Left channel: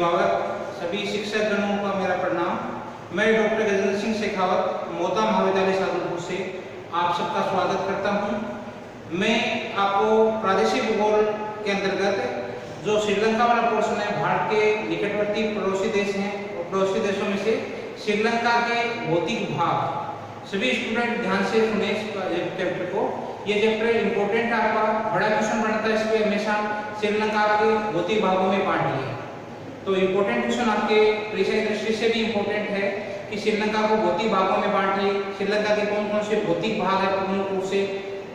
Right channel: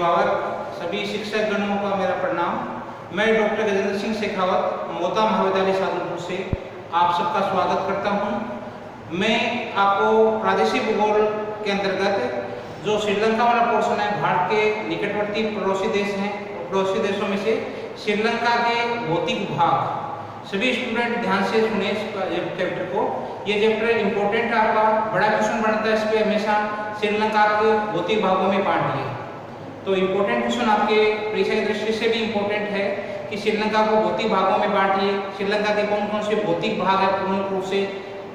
अभिभावक सभी शिक्षक गणों का मेरा प्रणाम। मैं डॉक्टर गजेंद्र सिंह शेखावत मोता महाविद्यालय साधुपुर से आप सबका स्वागत करता हूं। मैं आपको प्रादेशिक भूगोल के अंतर्गत जो श्रीलंका वाला पोर्शन है, भारत के निकटवर्ती पड़ोसी देश हैं, पड़ोसी देशों में से श्रीलंका के भौतिक भाग, सभी स्टूडेंट ध्यान से सुने इस चैप्टर को। ये चैप्टर इम्पोर्टेंट है, आपका बड़ा क्वेश्चन बनता है इस पे हमेशा। श्रीलंका के भौतिक भागों में बांट दिए, तो इम्पोर्टेंट क्वेश्चन आपके परीक्षा की दृष्टि से भी इम्पोर्टेंट है कि श्रीलंका को भौतिक भागों में बांटिए। श्रीलंका के कौन कौन से भौतिक भाग है प्रमुख रूप से,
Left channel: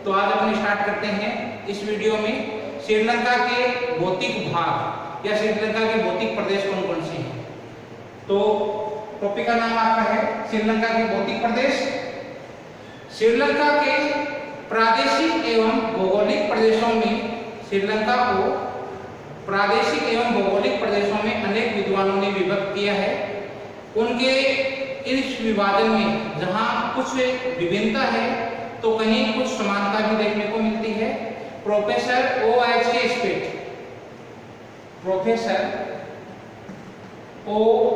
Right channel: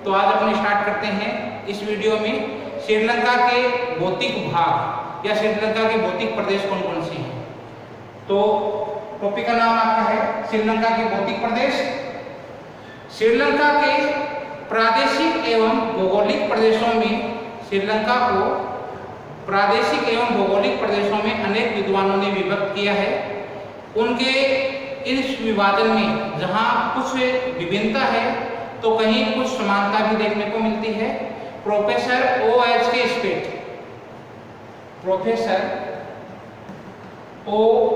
तो आज अपन स्टार्ट करते हैं इस वीडियो में। श्रीलंका के भौतिक भाग या श्रीलंका के भौतिक प्रदेश कौन कौन से हैं। तो टॉपिक का नाम आपका है श्रीलंका के भौतिक प्रदेश। श्रीलंका के प्रादेशिक एवं भौगोलिक प्रदेशों में, श्रीलंका को प्रादेशिक एवं भौगोलिक प्रदेशों में अनेक विद्वानों ने विभक्त किया है। उनके इस विभाजन में जहां कुछ विभिन्नता है तो कहीं कुछ समानता भी देखने को मिलती है। प्रोफेसर OH के स्पेट, प्रोफेसर OH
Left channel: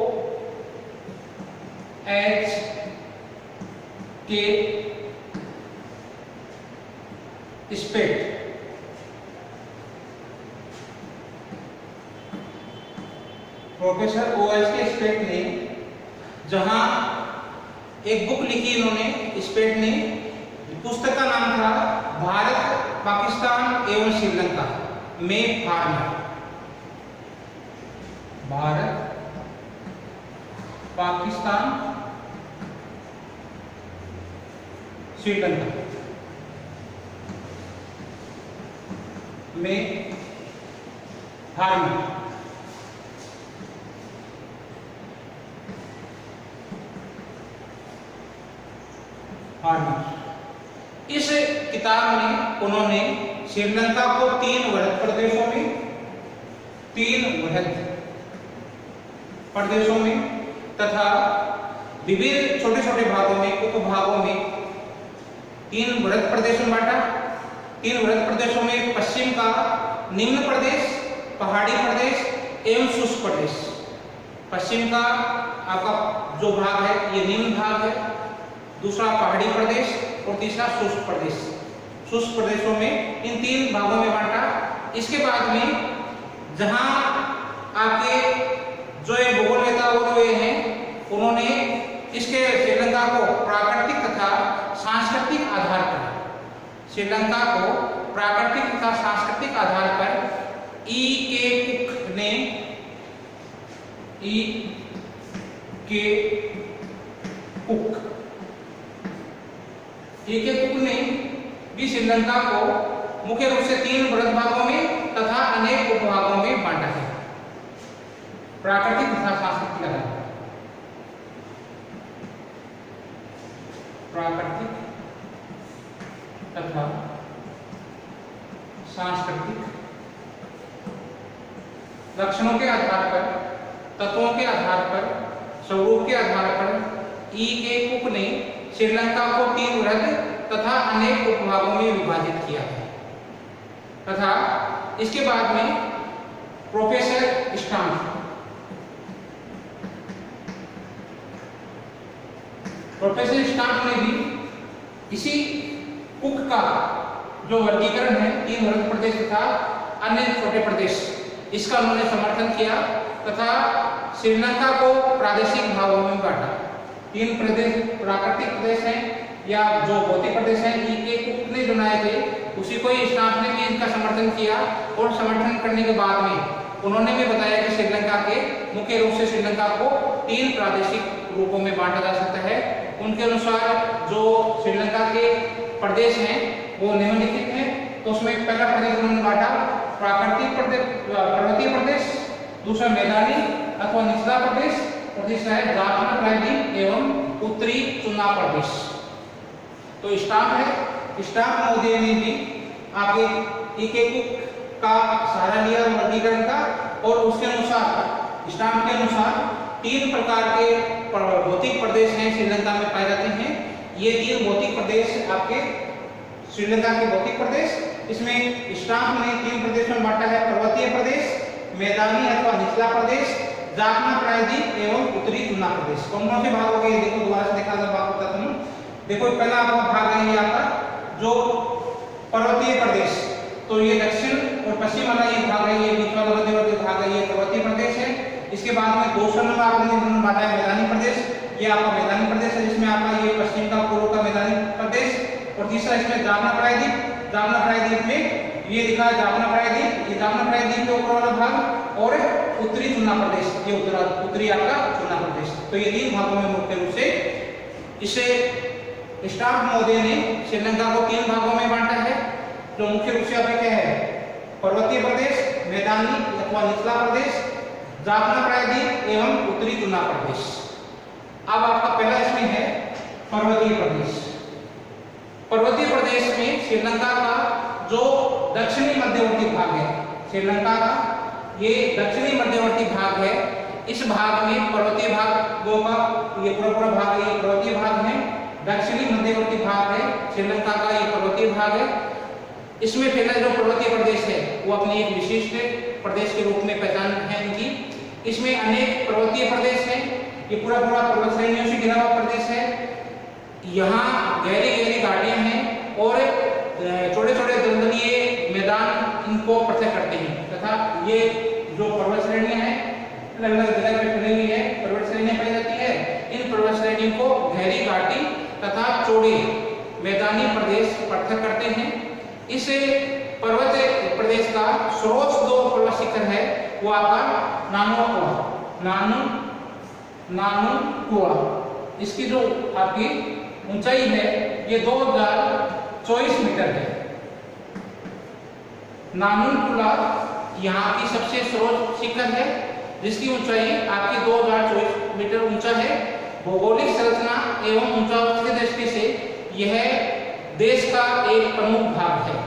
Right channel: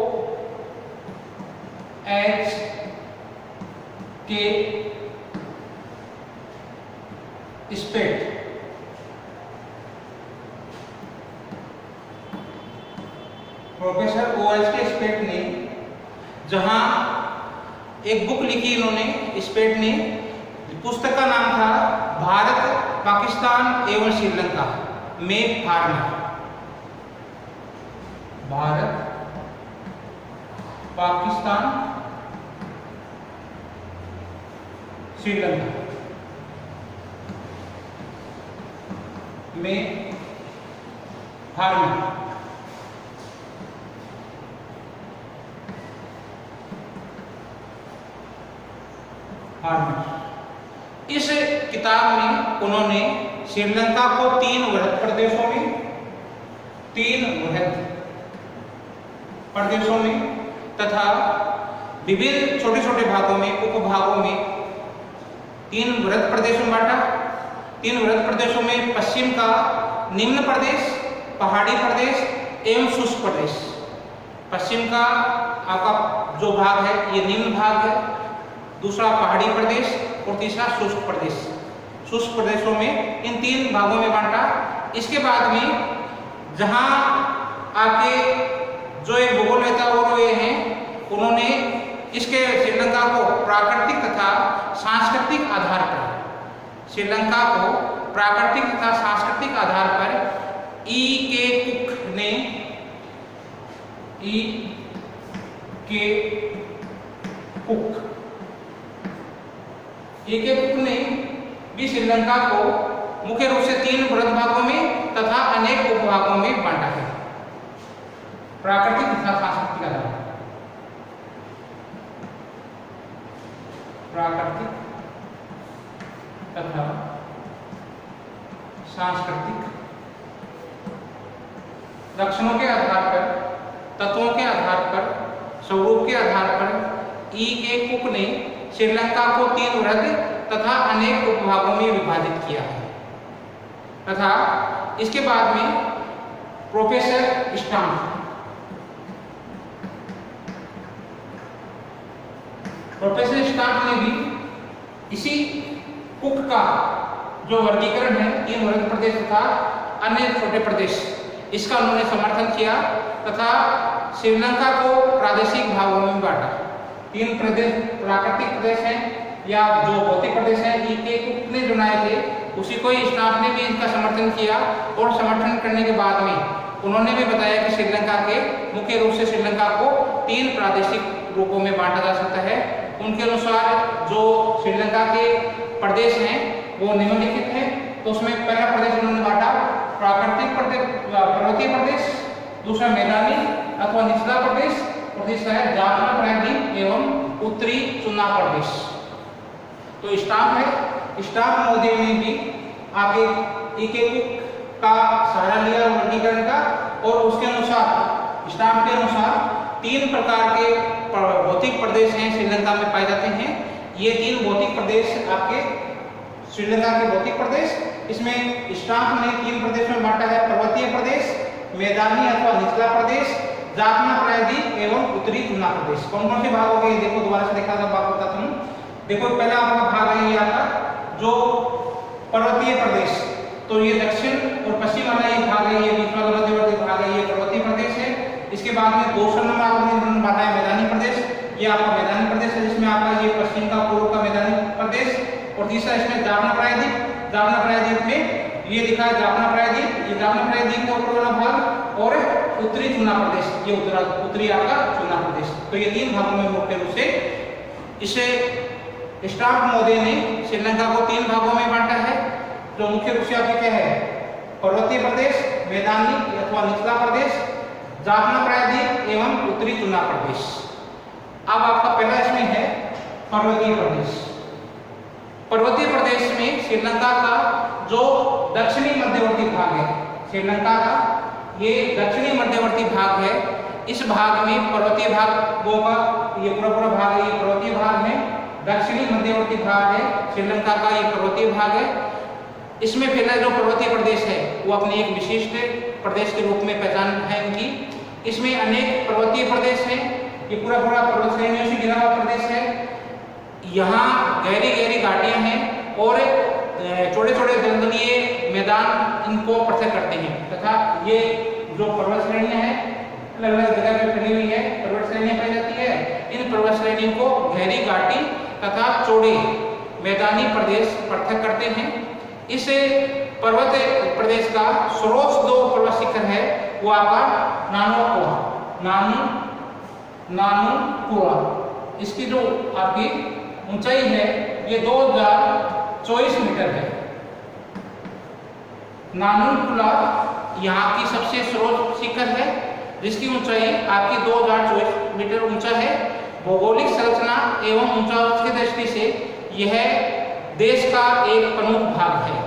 के स्पेट प्रोफेसर OH के स्पेट ने जहां एक बुक लिखी इन्होंने, स्पेट ने, पुस्तक का नाम था भारत पाकिस्तान एवं श्रीलंका में फार्मर। भारत पाकिस्तान श्रीलंका में फार्मर। इस किताब में उन्होंने श्रीलंका को तीन वृहद प्रदेशों में तथा विभिन्न छोटे छोटे भागों में, उपभागों में तीन वृहद प्रदेशों में बांटा। तीन वृहद प्रदेशों में पश्चिम का निम्न प्रदेश, पहाड़ी प्रदेश एवं शुष्क प्रदेश। पश्चिम का आपका जो भाग है ये निम्न भाग है, दूसरा पहाड़ी प्रदेश और तीसरा शुष्क प्रदेश। शुष्क प्रदेशों में इन तीन भागों में बांटा। इसके बाद में जहां आपके जो ये भूगोलवेत्ता हुए हैं, उन्होंने इसके श्रीलंका को प्राकृतिक तथा सांस्कृतिक आधार पर, श्रीलंका को प्राकृतिक तथा सांस्कृतिक आधार पर E.K. कुक ने, E.K. कुक ने भी श्रीलंका को मुख्य रूप से तीन वृहद भागों में तथा अनेक उपभागों में बांटा है, प्राकृतिक तथा सांस्कृतिक आधार पर। प्राकृतिक तथा सांस्कृतिक लक्षणों के आधार पर, तत्वों के आधार पर, स्वरूप के आधार पर E.K. कुक ने श्रीलंका को तीन वृहद तथा अनेक उपभागों में विभाजित किया है। तथा इसके बाद में प्रोफेसर स्टाम्प ने भी इसी कुक का जो वर्गीकरण है तीन वृहद प्रदेश तथा अन्य छोटे प्रदेश, इसका उन्होंने समर्थन किया तथा श्रीलंका को प्रादेशिक भागों में बांटा। तीन प्रदेश प्राकृतिक प्रदेश हैं या जो भौतिक प्रदेश हैं, E.K. कुक ने बनाए थे, उसी को ही स्टाम्प ने भी इनका समर्थन किया। और समर्थन करने के बाद में उन्होंने भी बताया कि श्रीलंका के मुख्य रूप से श्रीलंका को तीन प्रादेशिक रूपों में बांटा जा सकता है। उनके अनुसार जो श्रीलंका के प्रदेश हैं वो निम्नलिखित हैं। तो उसमें पहला प्रदेश उन्होंने बांटा प्राकृतिक प्रदेश, पर्वतीय प्रदेश, दूसरा मैदानी अथवा निचला प्रदेश और तीसरा है जाफना प्रायद्वीप एवं उत्तरी चुनाव प्रदेश। तो स्टाम्प है, स्टाम्प मोदी ने भी आगे E.K. कुक का सहारा लिया वर्गीकरण का, और उसके अनुसार, स्टाम्प के अनुसार तीन प्रकार के भौतिक प्रदेश हैं श्रीलंका में पाए जाते हैं। ये तीन भौतिक प्रदेश आपके श्रीलंका के भौतिक प्रदेश, इसमें स्टाम्प ने तीन प्रदेश में बांटा है, पर्वतीय प्रदेश, मैदानी अथवा निचला प्रदेश जाफना प्रायद्वीप एवं उत्तरी तुलना प्रदेश। कौन कौन से भाग हो गए देखो, दोबारा से देखा था, भाग बताता हूँ। देखो पहला आपका भाग है ये आपका जो पर्वतीय प्रदेश, तो ये दक्षिण और पश्चिम वाला ये भाग है, ये बीच वाला मध्यवर्ती भाग है, ये पर्वतीय प्रदेश है। इसके बाद में दूसरा नंबर आपने बांटा है मैदानी प्रदेश, ये आपका मैदानी प्रदेश है जिसमें आपका ये पश्चिम का पूर्व का मैदानी प्रदेश। और तीसरा इसमें जाफना प्रायद्वीप, जाफना प्रायद्वीप में ये दिखा है जाफना प्रायद्वीप, ये जाफना प्रायद्वीप के ऊपर वाला भाग, और उत्तरी तुलना प्रदेश, ये उत्तरी आपका तुलना प्रदेश। तो ये तीन भागों में मुख्य रूप से इसे स्टार्क महोदय ने श्रीलंका को तीन भागों में बांटा है। जो मुख्य रूप से आपके क्या है, पर्वतीय प्रदेश, मैदानी अथवा निचला प्रदेश, जाफना प्रायद्वीप एवं उत्तरी तुलना प्रदेश। अब आपका पहला इसमें है पर्वतीय प्रदेश। पर्वतीय प्रदेश में श्रीलंका का जो दक्षिणी मध्यवर्ती भाग है, श्रीलंका का ये दक्षिणी मध्यवर्ती भाग है, इस भाग में पर्वतीय भागों का ये पूरा भाग है, ये पर्वतीय भाग है। दक्षिणी मध्यवर्ती भाग है श्रीलंका का, ये पर्वतीय भाग है। इसमें फिलहाल जो पर्वतीय प्रदेश है वो अपनी एक विशिष्ट प्रदेश के रूप में पहचान है इनकी। इसमें अनेक पर्वतीय प्रदेश हैं, ये पूरा पर्वत श्रेणियों से घिरा हुआ प्रदेश है। यहाँ गहरी गहरी घाटियां हैं और छोटे छोटे दलदलीय मैदान इनको पृथक करते हैं, तथा ये जो पर्वत श्रेणियां हैं अलग अलग जगह पे फैली हुई है, पर्वत श्रेणियां पाई जाती है। इन पर्वत श्रेणियों को गहरी घाटी तथा चौड़े मैदानी प्रदेश पृथक करते हैं। इस पर्वत प्रदेश का सर्वोच्च जो पर्वत शिखर है वो आपका नानुकुआ, इसकी जो आपकी ऊंचाई है ये 2024 मीटर है। नानुकुला यहाँ की सबसे सर्वोच्च शिखर है जिसकी ऊंचाई आपकी 2024 मीटर ऊंचा है। भौगोलिक संरचना एवं ऊंचाई की दृष्टि से यह देश का एक प्रमुख भाग है।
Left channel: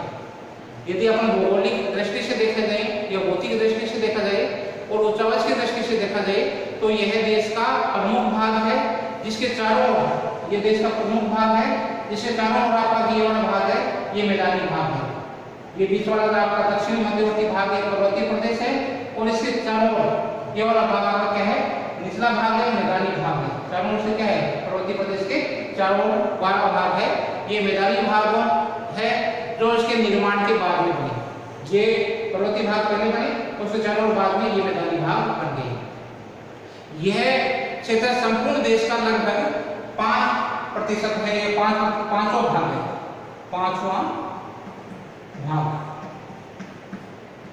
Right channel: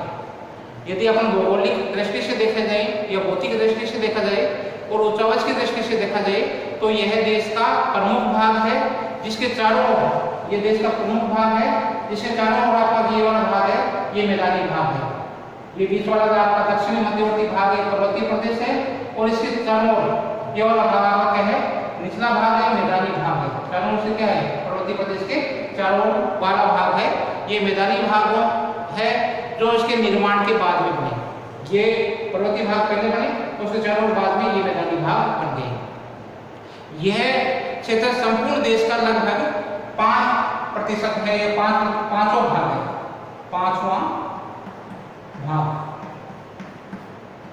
यदि अपन भौगोलिक दृष्टि से देखा जाए या भौतिक दृष्टि से देखा जाए और ऊंचाई की दृष्टि से देखा जाए तो यह देश का प्रमुख भाग है, जिसके चारों ओर, ये देश का प्रमुख भाग है जिसके चारों ओर आपका ये वाला भाग है, ये मैदानी भाग है। ये बीच वाला जो आपका दक्षिणी मध्यवर्ती भाग है पर्वतीय प्रदेश है, और इसके चारों ओर ये वाला भाग आपका क्या है, निचला भाग है, मैदानी भाग है। चारों ओर से क्या है, पर्वतीय प्रदेश के चारों ओर वाला भाग है, ये मैदानी भाग है जो इसके निर्माण के बाद में बने। ये पर्वतीय भाग पहले बने तो उसके चारों ओर बाद में ये मैदानी भाग बन गए। यह क्षेत्र संपूर्ण देश का लगभग 5% है, ये पांचों भाग है,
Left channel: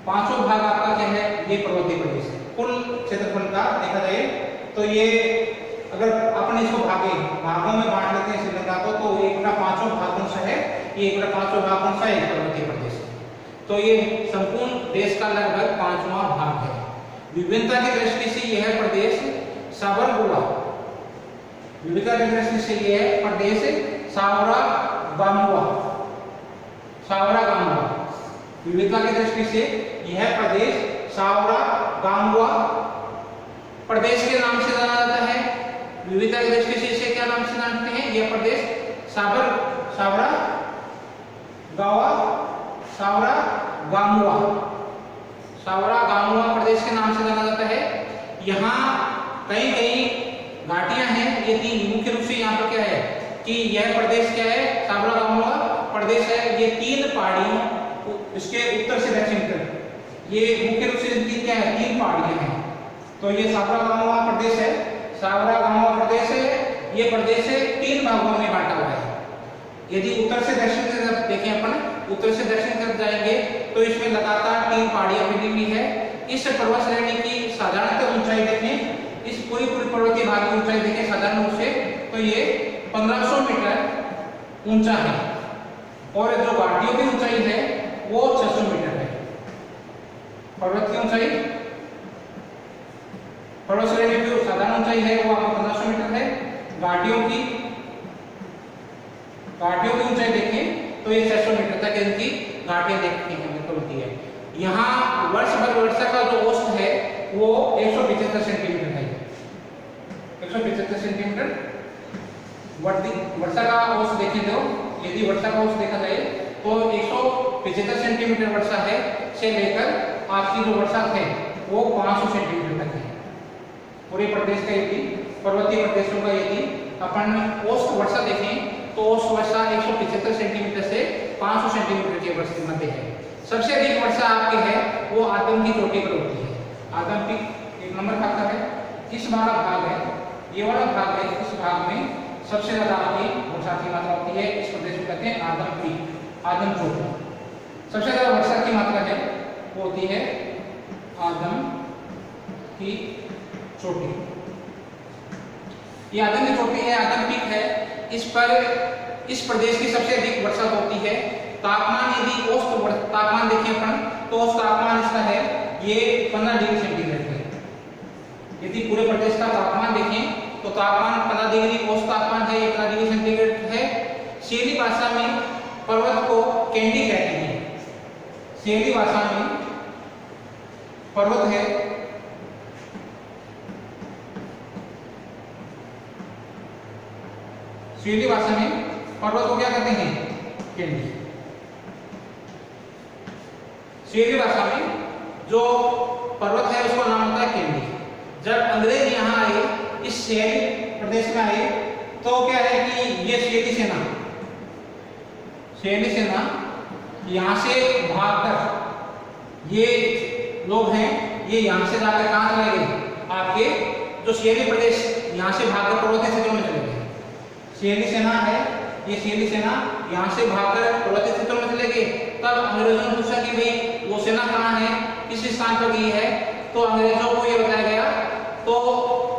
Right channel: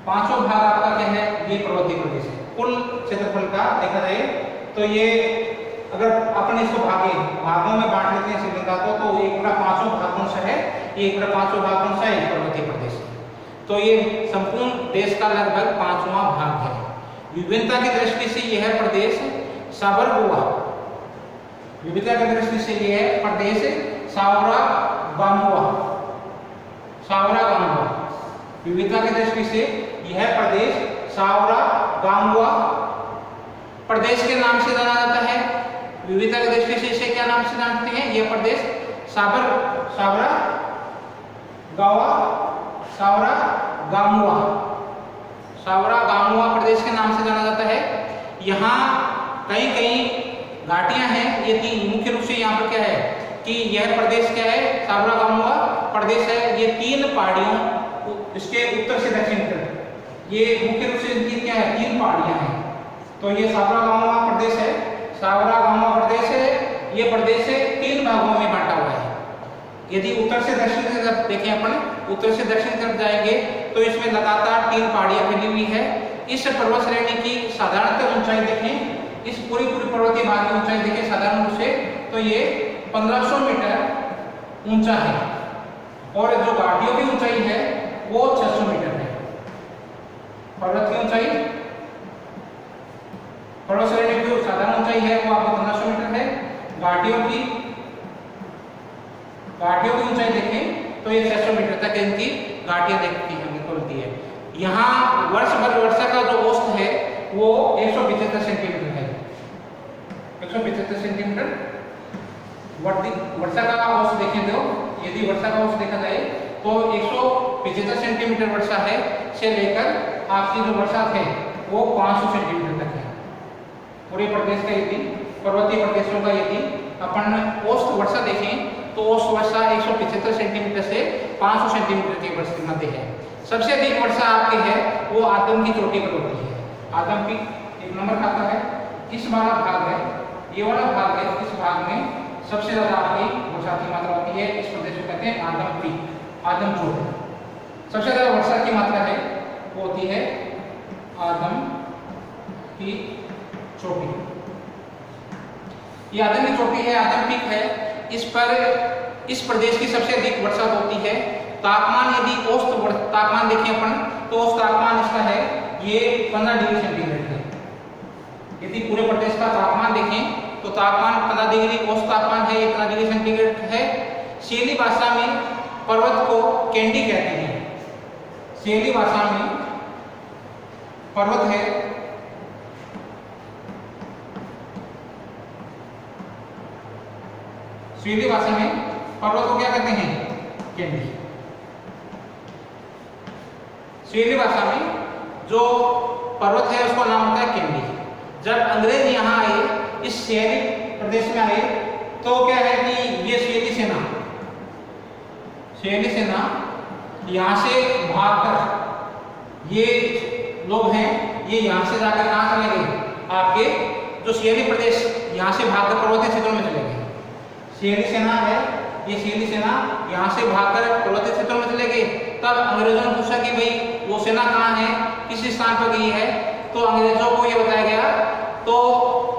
पांचों भाग आपका क्या है, ये पर्वतीय प्रदेश है। कुल क्षेत्रफल का देखा जाए तो ये अगर अपन इसको भागों में बांट लेते हैं श्रीलंका को, तो एक का 5वां भाग कौन सा है, ये एक का 5वां भाग कौन सा है, पर्वतीय प्रदेश है। तो ये संपूर्ण देश का लगभग 5वां भाग है। विभिन्नता की दृष्टि से यह प्रदेश साबरगुआ, विविधता की दृष्टि से यह प्रदेश सावरागामुआ, विविधता की दृष्टि से यह प्रदेश सावरागामुआ प्रदेश के नाम से जाना जाता है। विविधता की दृष्टि से इसे क्या नाम से जानते हैं, यह प्रदेश सावरागामुआ प्रदेश के नाम से जाना जाता है। यहाँ कई घाटियां हैं, ये तीन मुख्य रूप से यहाँ पर क्या है कि यह प्रदेश क्या है, सावरागामुआ प्रदेश है। ये 3 पहाड़ियों, इसके उत्तर से दक्षिण तक ये मुख्य रूप से इनकी क्या है, 3 पहाड़ियां हैं। तो ये सावरागामुआ प्रदेश है, ये प्रदेश 3 भागों में बांटा हुआ है। यदि उत्तर से दक्षिण की तरफ देखें अपन, उत्तर से दक्षिण की तरफ जाएंगे तो इसमें लगातार 3 पहाड़ियां फैली हुई है। इस पर्वत श्रेणी की साधारणतः ऊंचाई देखें, इस पूरी पर्वतीय भाग की ऊंचाई देखें साधारण रूप से तो ये 1500 मीटर ऊंचा है, और जो घाटियों की ऊंचाई है वो 600 मीटर है। पर्वत की ऊंचाई, पर्वत श्रेणी की साधारण ऊंचाई है वो आपको 1500 मीटर है। घाटियों की ऊंचाई देखें तो ये 600 मीटर तक इनकी घाटियां देखती है। यहाँ वर्षा का जो औसत है वो 175 सेंटीमीटर है, 175 सेंटीमीटर वर्षा का औसत देखें तो यदि वर्षा का औसत देखा जाए तो 175 सेंटीमीटर वर्षा है से लेकर आपकी जो वर्षा है वो 500 सेंटीमीटर तक है। पूरे प्रदेश का यदि पर्वतीय प्रदेशों का यदि अपन औसत वर्षा देखें तो औसत वर्षा 175 सेंटीमीटर से 500 सेंटीमीटर के वर्ष के मध्य है। सबसे अधिक वर्षा आपके है वो आदम की चोटी पर होती है। आदम की एक नंबर खाता है, इस वाला भाग है, ये वाला भाग है, इस भाग में सबसे ज्यादा आपकी वर्षा की मात्रा होती है। इस प्रदेश को कहते हैं आदम पीक, आदम चोटी। सबसे ज्यादा वर्षा की मात्रा है वो होती है आदम की चोटी। ये आदम की चोटी है, आदम पीक है। इस पर इस प्रदेश की सबसे अधिक वर्षा होती है। तापमान यदि औसत तापमान देखें अपन तो औसत तापमान इसका है ये 15 डिग्री सेंटीग्रेड है। यदि पूरे प्रदेश का तापमान देखें तो तापमान 15 डिग्री औसत तापमान है, 15 डिग्री सेंटीग्रेड है। शैली भाषा में पर्वत को कैंडी कहते हैं। शैली भाषा में पर्वत है स्वीडी भाषा में पर्वत को क्या कहते हैं? कैंडी। स्वीडी भाषा में जो पर्वत है उसका नाम होता है कैंडी। जब अंग्रेज यहाँ आए, इस शहरी प्रदेश में आए, तो क्या है कि ये शैली सेना यहाँ से भागकर ये लोग हैं, ये यहाँ से जाकर कहाँ चले गए? आपके जो शहरी प्रदेश यहाँ से भागकर पर्वतीय क्षेत्रों में चले गए। शैली सेना है, ये शैली सेना यहाँ से भागकर पर्वतीय क्षेत्रों में चले गए। तब अंग्रेजों ने पूछा कि भाई वो सेना कहाँ है, किस स्थान पर गई है? तो अंग्रेजों को ये बताया गया। तो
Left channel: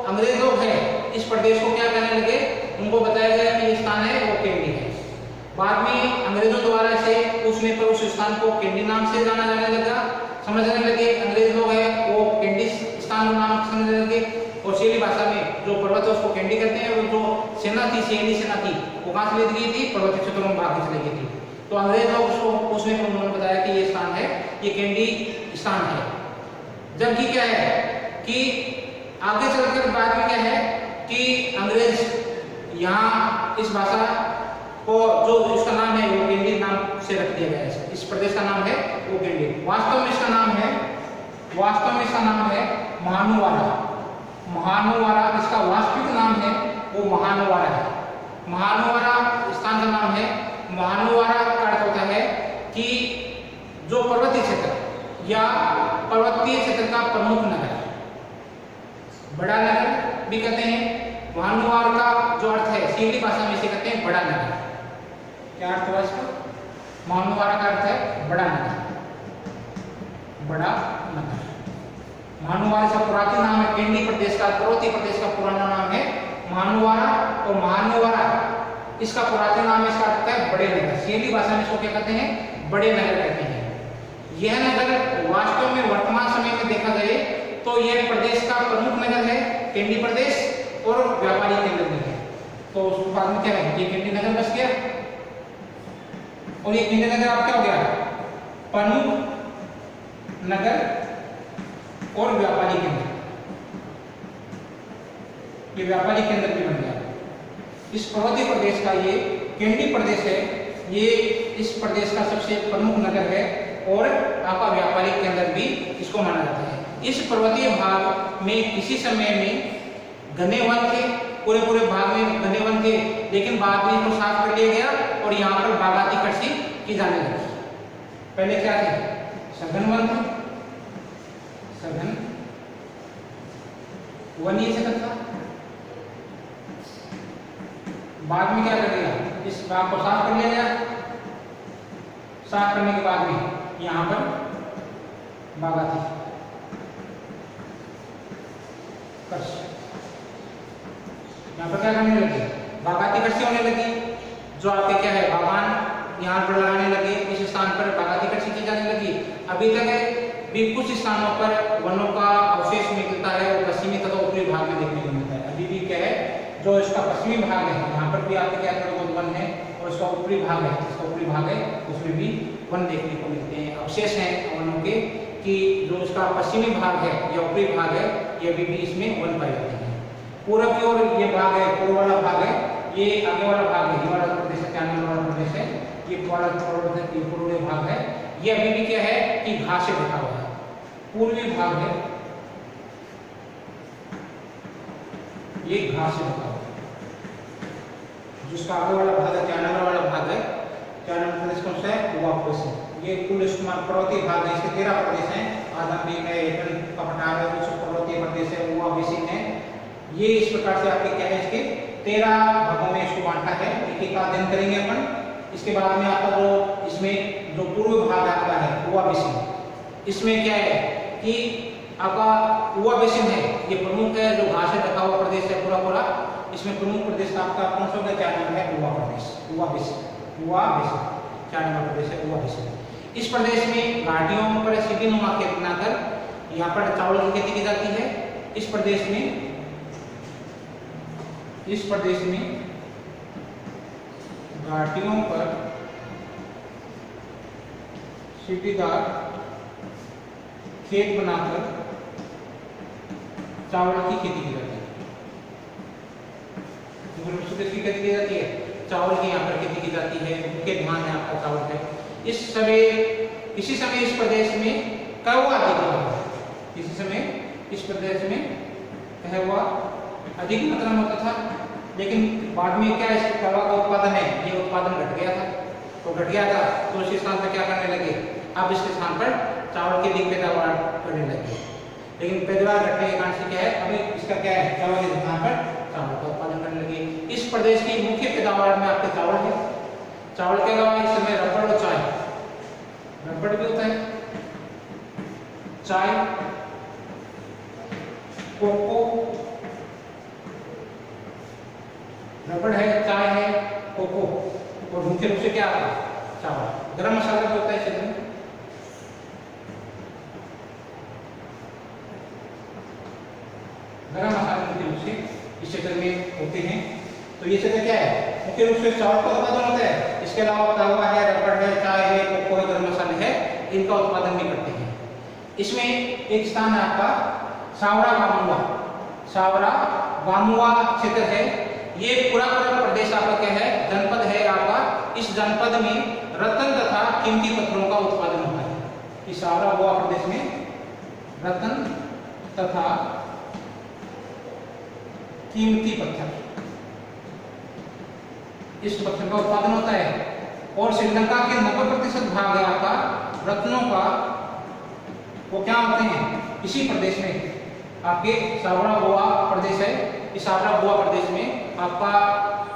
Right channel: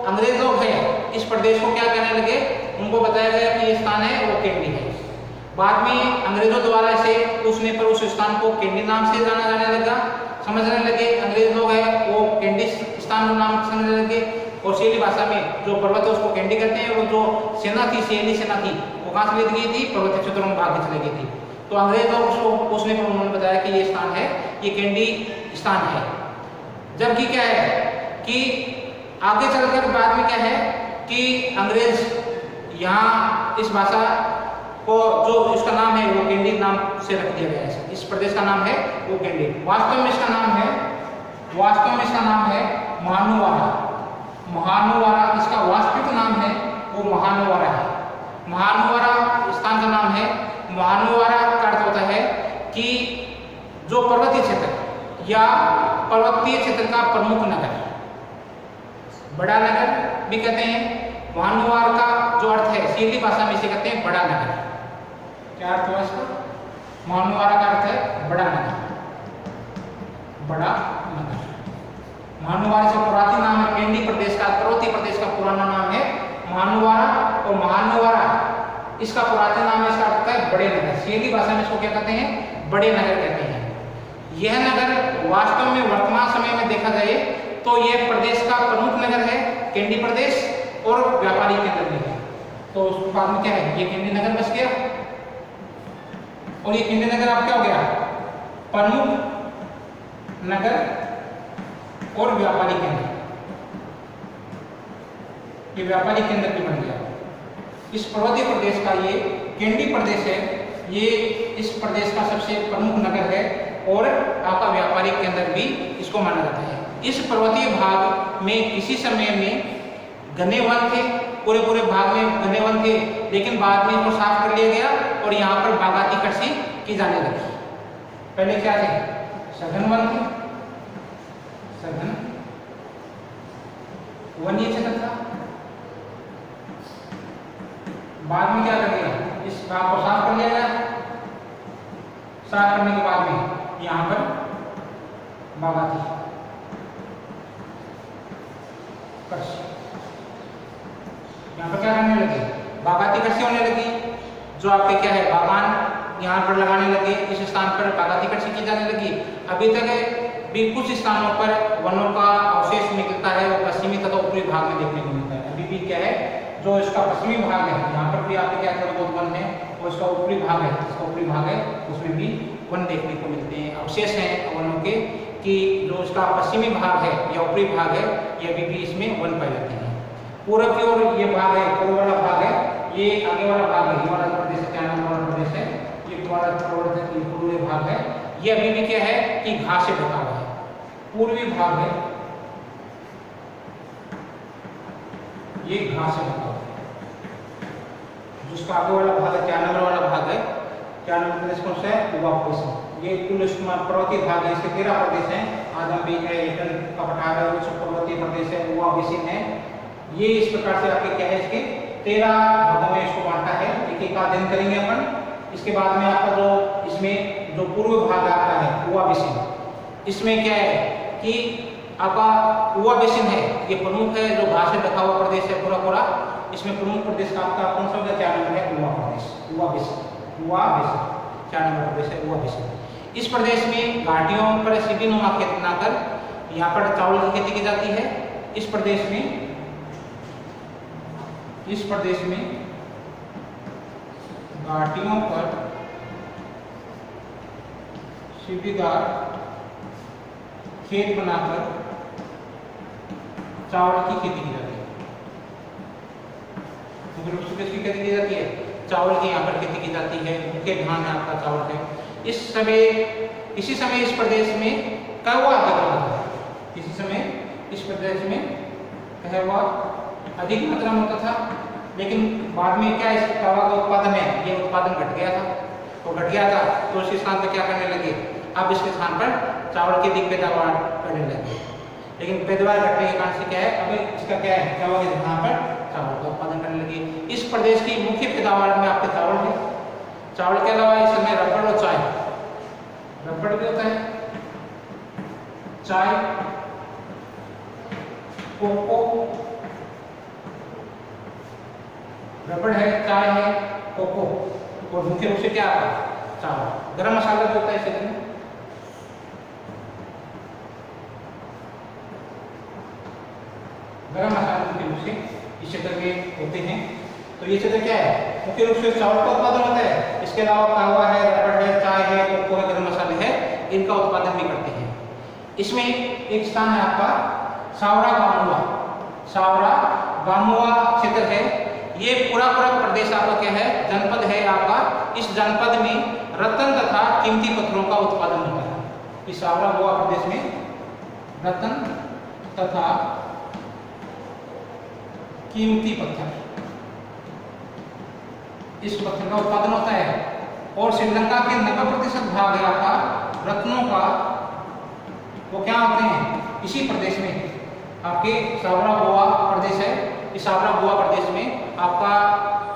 अंग्रेज लोग हैं इस प्रदेश को क्या कहने लगे? उनको बताया गया कि ये स्थान है वो कैंडी है। बाद में अंग्रेजों द्वारा इसे पूछने पर उस स्थान को कैंडी नाम से जाना जाने लगा। समझने लगे अंग्रेज लोग हैं वो कैंडी स्थान का नाम समझने लगे। और शैली भाषा में जो पर्वत है उसको कैंडी कहते हैं। और जो सेना थी, शैली सेना थी, वो कहाँ से ले गई थी? पर्वतीय क्षेत्रों में भाग चली गई थी। तो अंग्रेज लोग उसको पूछने पर उन्होंने बताया कि ये स्थान है, ये कैंडी स्थान है। जबकि क्या है कि आगे चलकर बाद में क्या है कि अंग्रेज यहाँ इस भाषा को जो इसका नाम है वो कैंडी नाम से रख दिया गया है। इस प्रदेश का नाम है वो कैंडी। वास्तव में इसका नाम है महानुवारा। महानुवारा इसका वास्तविक नाम है वो महानुवारा है। महानुवारा स्थान का नाम है। महानुवारा का अर्थ होता है कि जो पर्वतीय क्षेत्र या पर्वतीय क्षेत्र का प्रमुख नगर, बड़ा नगर भी कहते हैं। महानुवार का जो अर्थ है शैली भाषा में इसे कहते हैं बड़ा नगर। क्या अर्थ हुआ इसका? महानुवारा का अर्थ है बड़ा नगर, बड़ा नगर। महानुवारा इसका पुरातन नाम है। कैंडी प्रदेश का, पर्वतीय प्रदेश का पुराना नाम है महानुवारा। और महानुवारा इसका पुरातन नाम है, इसका अर्थ है बड़े नगर। शैली भाषा में इसको क्या कहते हैं? बड़े नगर कहते हैं। यह नगर वास्तव में वर्तमान समय में देखा जाए तो यह प्रदेश का प्रमुख नगर है, कैंडी प्रदेश, और व्यापारी केंद्र भी है। तो उसके बाद में क्या है? ये कैंडी नगर बस गया। और ये कैंडी नगर अब क्या हो गया? प्रमुख नगर और व्यापारी केंद्र। ये व्यापारी केंद्र भी बन गया। इस पर्वतीय प्रदेश का ये कैंडी प्रदेश है, ये इस प्रदेश का सबसे प्रमुख नगर है और आपका व्यापारिक केंद्र भी इसको माना जाता है। इस पर्वतीय भाग में किसी समय में घने वन थे, पूरे भाग में घने वन थे, लेकिन बाद में इसको साफ कर लिया गया और यहाँ पर बागाती कृषि की जाने लगी। पहले क्या थे? सघन वन थे, सघन वन्य क्षेत्र था। बाद में क्या कर दिया? इस भाग को साफ कर लिया गया। साफ करने के बाद में यहाँ पर बागाती कृषि, यहाँ पर क्या करने लगे? बागाती कृषि होने लगी। जो आपके क्या है बागान यहाँ पर लगाने लगे, इस स्थान पर बागाती कृषि की जाने लगी। अभी तक भी कुछ स्थानों पर वनों का अवशेष मिलता है और पश्चिमी तथा उत्तरी भाग में देखने को मिलता है। अभी भी क्या है जो इसका पश्चिमी भाग है यहाँ पर भी आपके क्या थोड़ा बहुत वन है, और इसका ऊपरी भाग है, इसका ऊपरी भाग है उसमें भी वन देखने को मिलते हैं। अवशेष हैं वनों के कि जो इसका पश्चिमी भाग है या ऊपरी भाग है ये अभी भी इसमें वन पाए जाते हैं। पूर्व की ओर ये भाग है, पूर्व वाला भाग है, ये आगे वाला भाग है, हिमालय प्रदेश है, चाइना वाला प्रदेश है, ये पूर्वी भाग है। ये अभी भी क्या है कि घास से ढका हुआ है। पूर्वी भाग है ये घास से ढका हुआ, जिसका आगे वाला भाग है 4 नंबर वाला भाग है। 4 नंबर प्रदेश कौन सा है? उवा प्रदेश। ये कुल पर्वतीय भाग है, इसके 13 प्रदेश हैं। आजमगढ़ है, एटन का पठार है, उच्च पर्वतीय प्रदेश है, उवा बेसिन है। ये इस प्रकार से आपके क्या है, इसके 13 भागों में इसको बांटा है। एक एक का अध्ययन करेंगे अपन। इसके बाद में आपका जो इसमें जो पूर्व भाग आता है उवा बेसिन, इसमें क्या है कि आपका उवा बेसिन है, ये प्रमुख है, जो घास से ढका हुआ प्रदेश है पूरा पूरा। इसमें प्रमुख प्रदेश आपका कौन सा होगा? 4 नंबर है उवा प्रदेश, उवा बेसिन। 4 नंबर प्रदेश है उवा बेसिन। इस प्रदेश में घाटियों पर सीढ़ीनुमा खेत बनाकर यहाँ पर चावल की खेती की जाती है। इस प्रदेश में घाटियों पर सीढ़ीदार खेत बनाकर चावल की खेती की जाती है। खेती की जाती है, चावल की यहाँ पर खेती की जाती है। मुख्य ध्यान में आपका चावल है। इसी समय इस प्रदेश में कहवा अधिक होता है। इसी समय इस प्रदेश में कहवा अधिक मात्रा में होता था, लेकिन बाद में क्या इस कहवा का उत्पादन है, ये उत्पादन घट गया था। तो घट गया था तो इस स्थान पर क्या करने लगे, अब इसके स्थान पर चावल की अधिक पैदावार करने लगे। लेकिन पैदावार घटने के कारण से क्या है, अभी इसका क्या है, चावल के स्थान पर चावल का उत्पादन करने लगे। इस प्रदेश की मुख्य पैदावार में आपके चावल है। चावल के अलावा इस समय रबड़ और चाय, रबड़ भी होता है, चाय, कोको, रबड़ है, चाय है, कोको, और मुख्य रूप से क्या आता है, चावल। गरम मसाला भी होता है क्षेत्र में। गरम मसाले मुख्य रूप से इस क्षेत्र में होते हैं। तो ये क्षेत्र क्या है, मुख्य रूप से चावल का उत्पादन होता है। इसके अलावा कहवा है, रबड़ है, चाय है, कोको है, गरम मसाले है, इनका उत्पादन भी करते हैं। इसमें एक स्थान है आपका सावरा बामुआ। सावरा बामुआ क्षेत्र है। ये पूरा प्रदेश आपका क्या है, जनपद है आपका। इस जनपद में रत्न तथा कीमती पत्थरों का उत्पादन होता है। इस सावरा बामुआ प्रदेश में रत्न तथा कीमती पत्थर, इस पत्थर का उत्पादन होता है। और श्रीलंका के 90% भाग है आपका रत्नों का, वो क्या होते हैं, इसी प्रदेश में आपके सावरा बामुआ प्रदेश है। इस सावरा बामुआ प्रदेश में आपका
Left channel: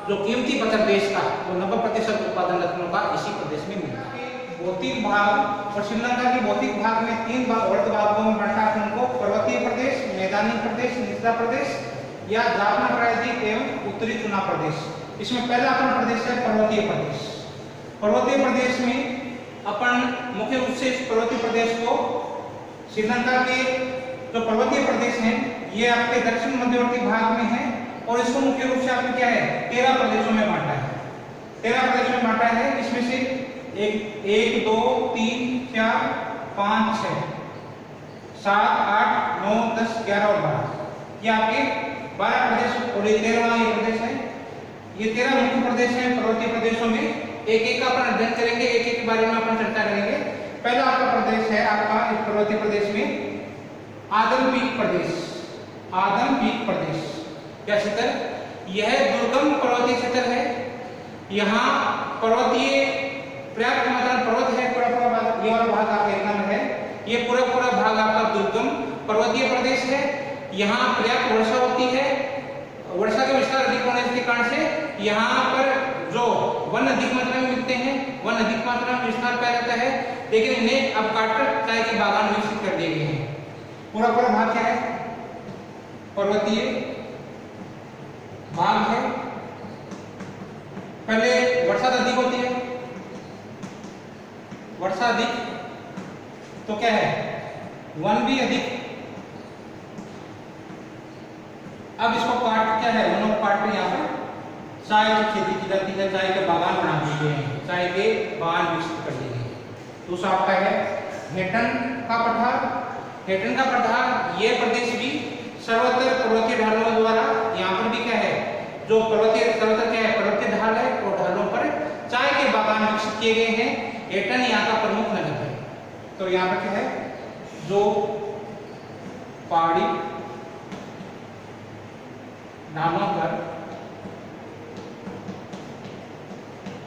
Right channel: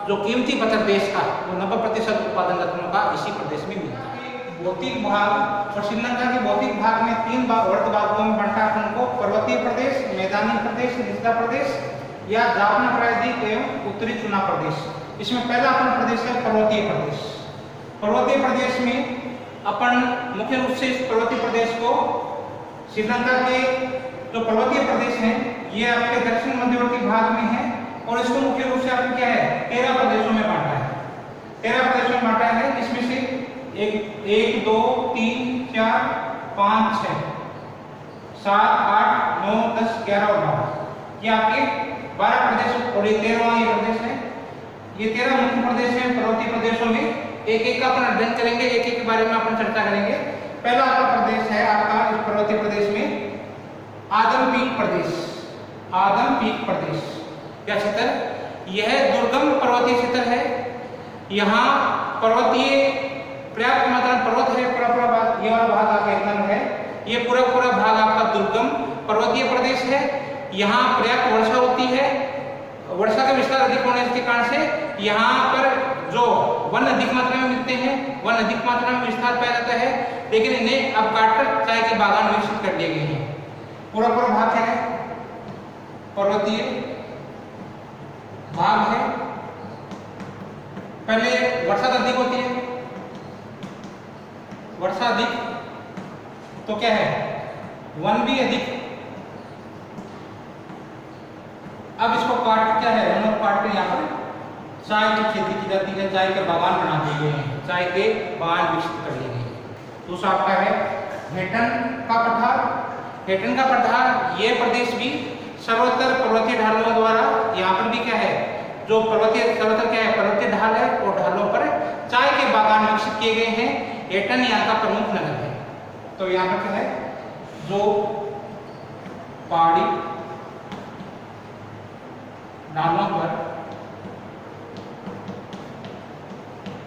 जो कीमती पत्थर बेच था, वो 90% उत्पादन रत्नों का इसी प्रदेश में मिलता है। भौतिक भाग और श्रीलंका के भौतिक भाग में 3 अर्ध भागों में बांटा है उनको, पर्वतीय प्रदेश, मैदानी प्रदेश, निचला प्रदेश या जाफना प्रायद्वीप एवं उत्तरी चुना प्रदेश। इसमें पहला अपन प्रदेश है पर्वतीय प्रदेश। पर्वतीय प्रदेश में अपन मुख्य रूप से इस पर्वतीय प्रदेश को श्रीलंका के जो पर्वतीय प्रदेश हैं, ये आपके दक्षिण मध्यवर्ती भाग में है। और इसको मुख्य रूप से आपने क्या है, 13 प्रदेशों में बांटा है। 13 प्रदेशों में बांटा है। इसमें से 1 2 3 4 5 6 7 8 9 10 11 और 12, ये आपके 12 प्रदेश और ये 13वां ये प्रदेश है। ये 13 मुख्य प्रदेश हैं पर्वतीय प्रदेशों में। एक एक का अपन अध्ययन करेंगे, एक एक के बारे में अपन चर्चा करेंगे। पहला आपका प्रदेश है आपका इस पर्वतीय प्रदेश में आदमपीक प्रदेश। आदमपीक प्रदेश क्या क्षेत्र, यह दुर्गम पर्वतीय क्षेत्र है। यहाँ पर्वतीय पर्याप्त मात्रा में पर्वत है। पूरा भाग, ये वाला भाग आपका 1 नंबर है। ये पूरा भाग आपका दुर्गम पर्वतीय प्रदेश है। यहाँ पर्याप्त वर्षा होती है। वर्षा का विस्तार अधिक होने के कारण से यहाँ पर जो वन अधिक मात्रा में मिलते हैं, वन अधिक मात्रा में विस्तार पाया जाता है। लेकिन इन्हें अब काटकर चाय के बागान विकसित कर दिए गए हैं। पूरा भाग है पर्वतीय भाग है। पहले वर्षा अधिक होती है, वर्षा अधिक तो क्या है, वन भी अधिक। अब इसको काट क्या है, वनों को काट कर यहाँ पर चाय की खेती की जाती है। चाय के बागान बना दिए गए हैं, चाय के बागान विकसित कर दिए गए। दूसरा आपका है हेटन का पठार। हेटन का पठार ये प्रदेश भी सर्वोत्तर पर्वतीय ढालों द्वारा, यहाँ पर भी क्या है, जो सर्वोत्तर क्या है, पर्वतीय ढाल है, और ढालों पर चाय के बागान विकसित किए गए हैं। हेटन यहाँ का प्रमुख नगर है। तो यहाँ पर क्या है, जो पहाड़ी ढालों पर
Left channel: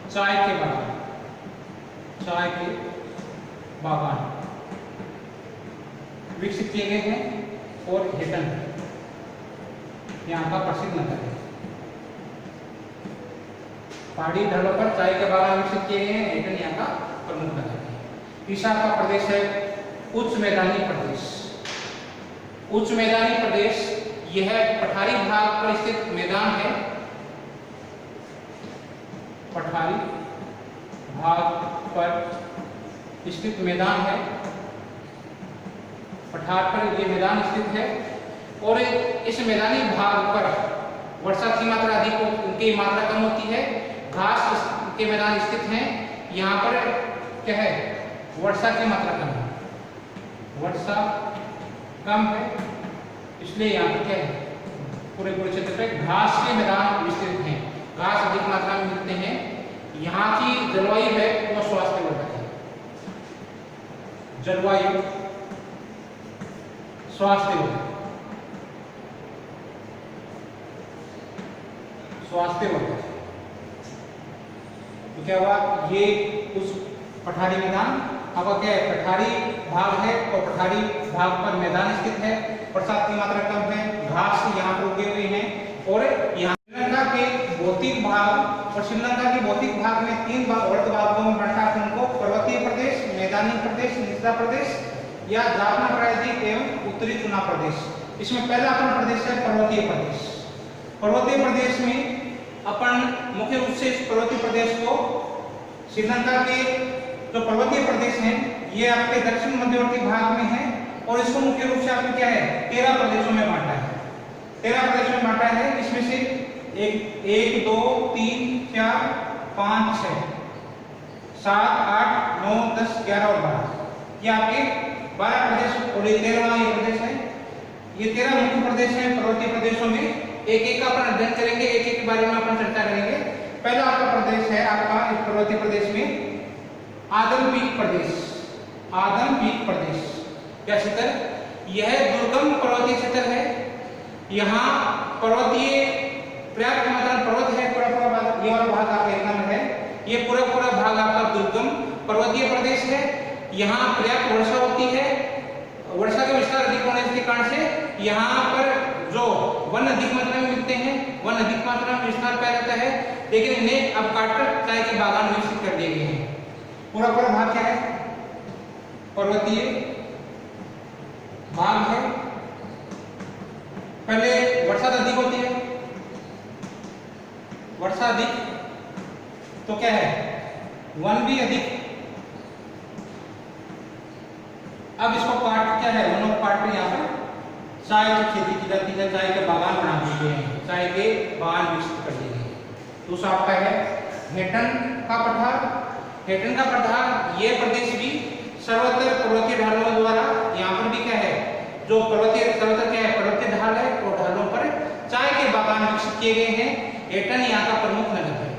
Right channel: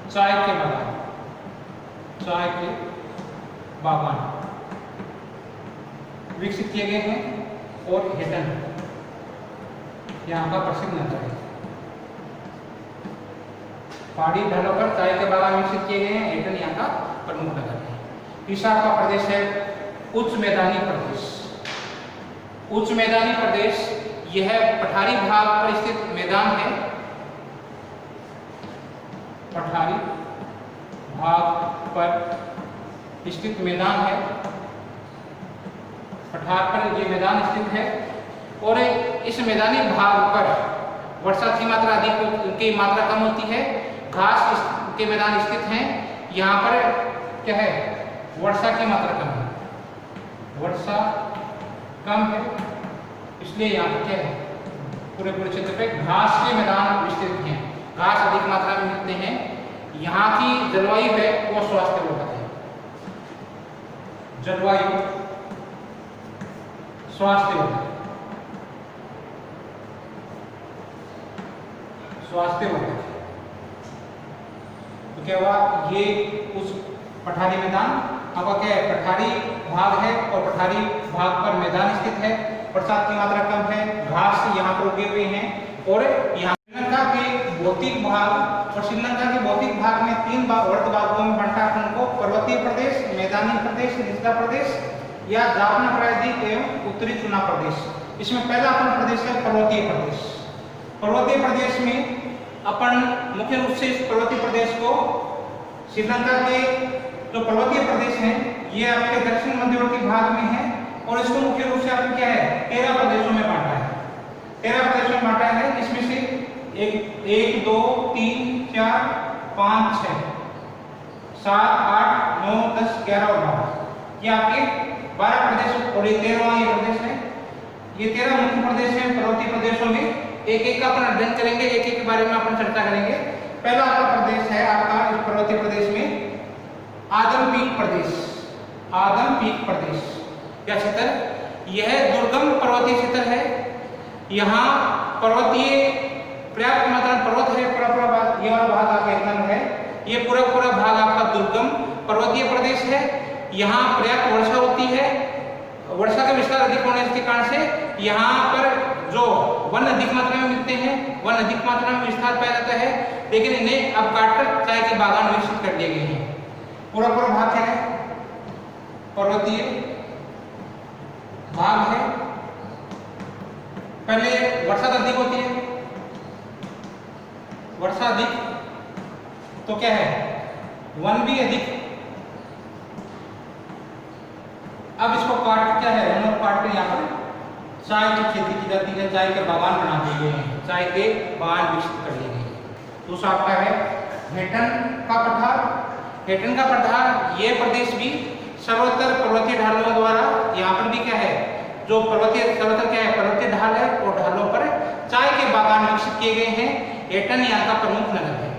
चाय के बागान विकसित किए गए हैं और हेटन यहाँ का प्रसिद्ध नगर है। पहाड़ी ढालों पर चाय के बागान विकसित किए गए हैं, हेटन यहाँ का प्रमुख नगर है। तीसरा का प्रदेश है उच्च मैदानी प्रदेश। उच्च मैदानी प्रदेश यह पठारी भाग पर स्थित मैदान है। पठारी भाग पर स्थित मैदान है। पठार पर ये मैदान स्थित है और इस मैदानी भाग पर वर्षा की मात्रा अधिक की मात्रा कम होती है। घास के मैदान स्थित हैं। यहाँ पर क्या है, वर्षा की मात्रा कम है, वर्षा कम है, इसलिए यहाँ पर क्या है, पूरे क्षेत्र पे घास के मैदान विस्तृत हैं। घास अधिक मात्रा में मिलते हैं। यहाँ की जलवायु है वो स्वास्थ्यवर्धक है। जलवायु स्वास्थ्यवर्धक तो क्या हुआ, ये उस पठारी मैदान अब क्या है, पठारी भाग है और पठारी भाग पर मैदान स्थित है। बरसात की मात्रा कम है, घास यहाँ पर उगे हुए हैं और यहाँ श्रीलंका के भौतिक भाग और श्रीलंका के भौतिक भाग में 3 अर्ध भागों में बांटा है उनको, पर्वतीय प्रदेश, मैदानी प्रदेश, निचला प्रदेश या जाफना प्रायद्वीप एवं उत्तरी चुनाव प्रदेश। इसमें पहला अपन प्रदेश है पर्वतीय प्रदेश। पर्वतीय प्रदेश में अपन मुख्य रूप से इस पर्वतीय प्रदेश को श्रीलंका के जो पर्वतीय प्रदेश हैं ये आपके दक्षिण मध्यवर्ती भाग में है और इसको मुख्य रूप से आपको क्या है 13 प्रदेशों में बांटा है। 13 प्रदेशों में बांटा है। इसमें से 1 2 3 4 5 6 7 8 9 10 11 और 12 ये आपके 12 प्रदेश और ये 13वां ये प्रदेश है। ये 13 मुख्य प्रदेश हैं पर्वतीय प्रदेशों में। एक एक का अपन अध्ययन करेंगे, एक एक के बारे में अपन चर्चा करेंगे। पहला आपका प्रदेश है आपका इस पर्वतीय प्रदेश में आदमपीक प्रदेश। आदमपीक प्रदेश क्या क्षेत्र, यह दुर्गम पर्वतीय क्षेत्र है। यहाँ पर्वतीय पर्याप्त मात्रा में पर्वत है। पूरा भाग, ये वाला भाग आपका एक नंबर है। ये पूरा भाग आपका दुर्गम पर्वतीय प्रदेश है। यहाँ पर्याप्त वर्षा होती है। वर्षा का विस्तार अधिक होने के कारण से यहाँ पर जो वन अधिक मात्रा में मिलते हैं, वन अधिक मात्रा में विस्तार पाया जाता है। लेकिन इन्हें अब काटकर चाय के बागान विकसित कर दिए गए हैं। पूरा भाग है पर्वतीय भाग है। पहले वर्षा अधिक होती है, वर्षा अधिक तो क्या है, वन भी अधिक। अब इसको काट क्या है, वनों को काट के यहाँ पर चाय की खेती की जाती है। चाय के बागान बना दिए हैं, चाय के बागान विकसित कर दिए हैं। दूसरा आपका है हेटन का पठार। हेटन का पठार ये प्रदेश भी सर्वोत्तर पर्वतीय ढालों द्वारा, यहाँ पर भी क्या है, जो पर्वतीय सर्वोत्तर क्या है, पर्वतीय ढाल है और ढालों पर चाय के बागान विकसित किए गए हैं। हेटन यहाँ का प्रमुख नगर है।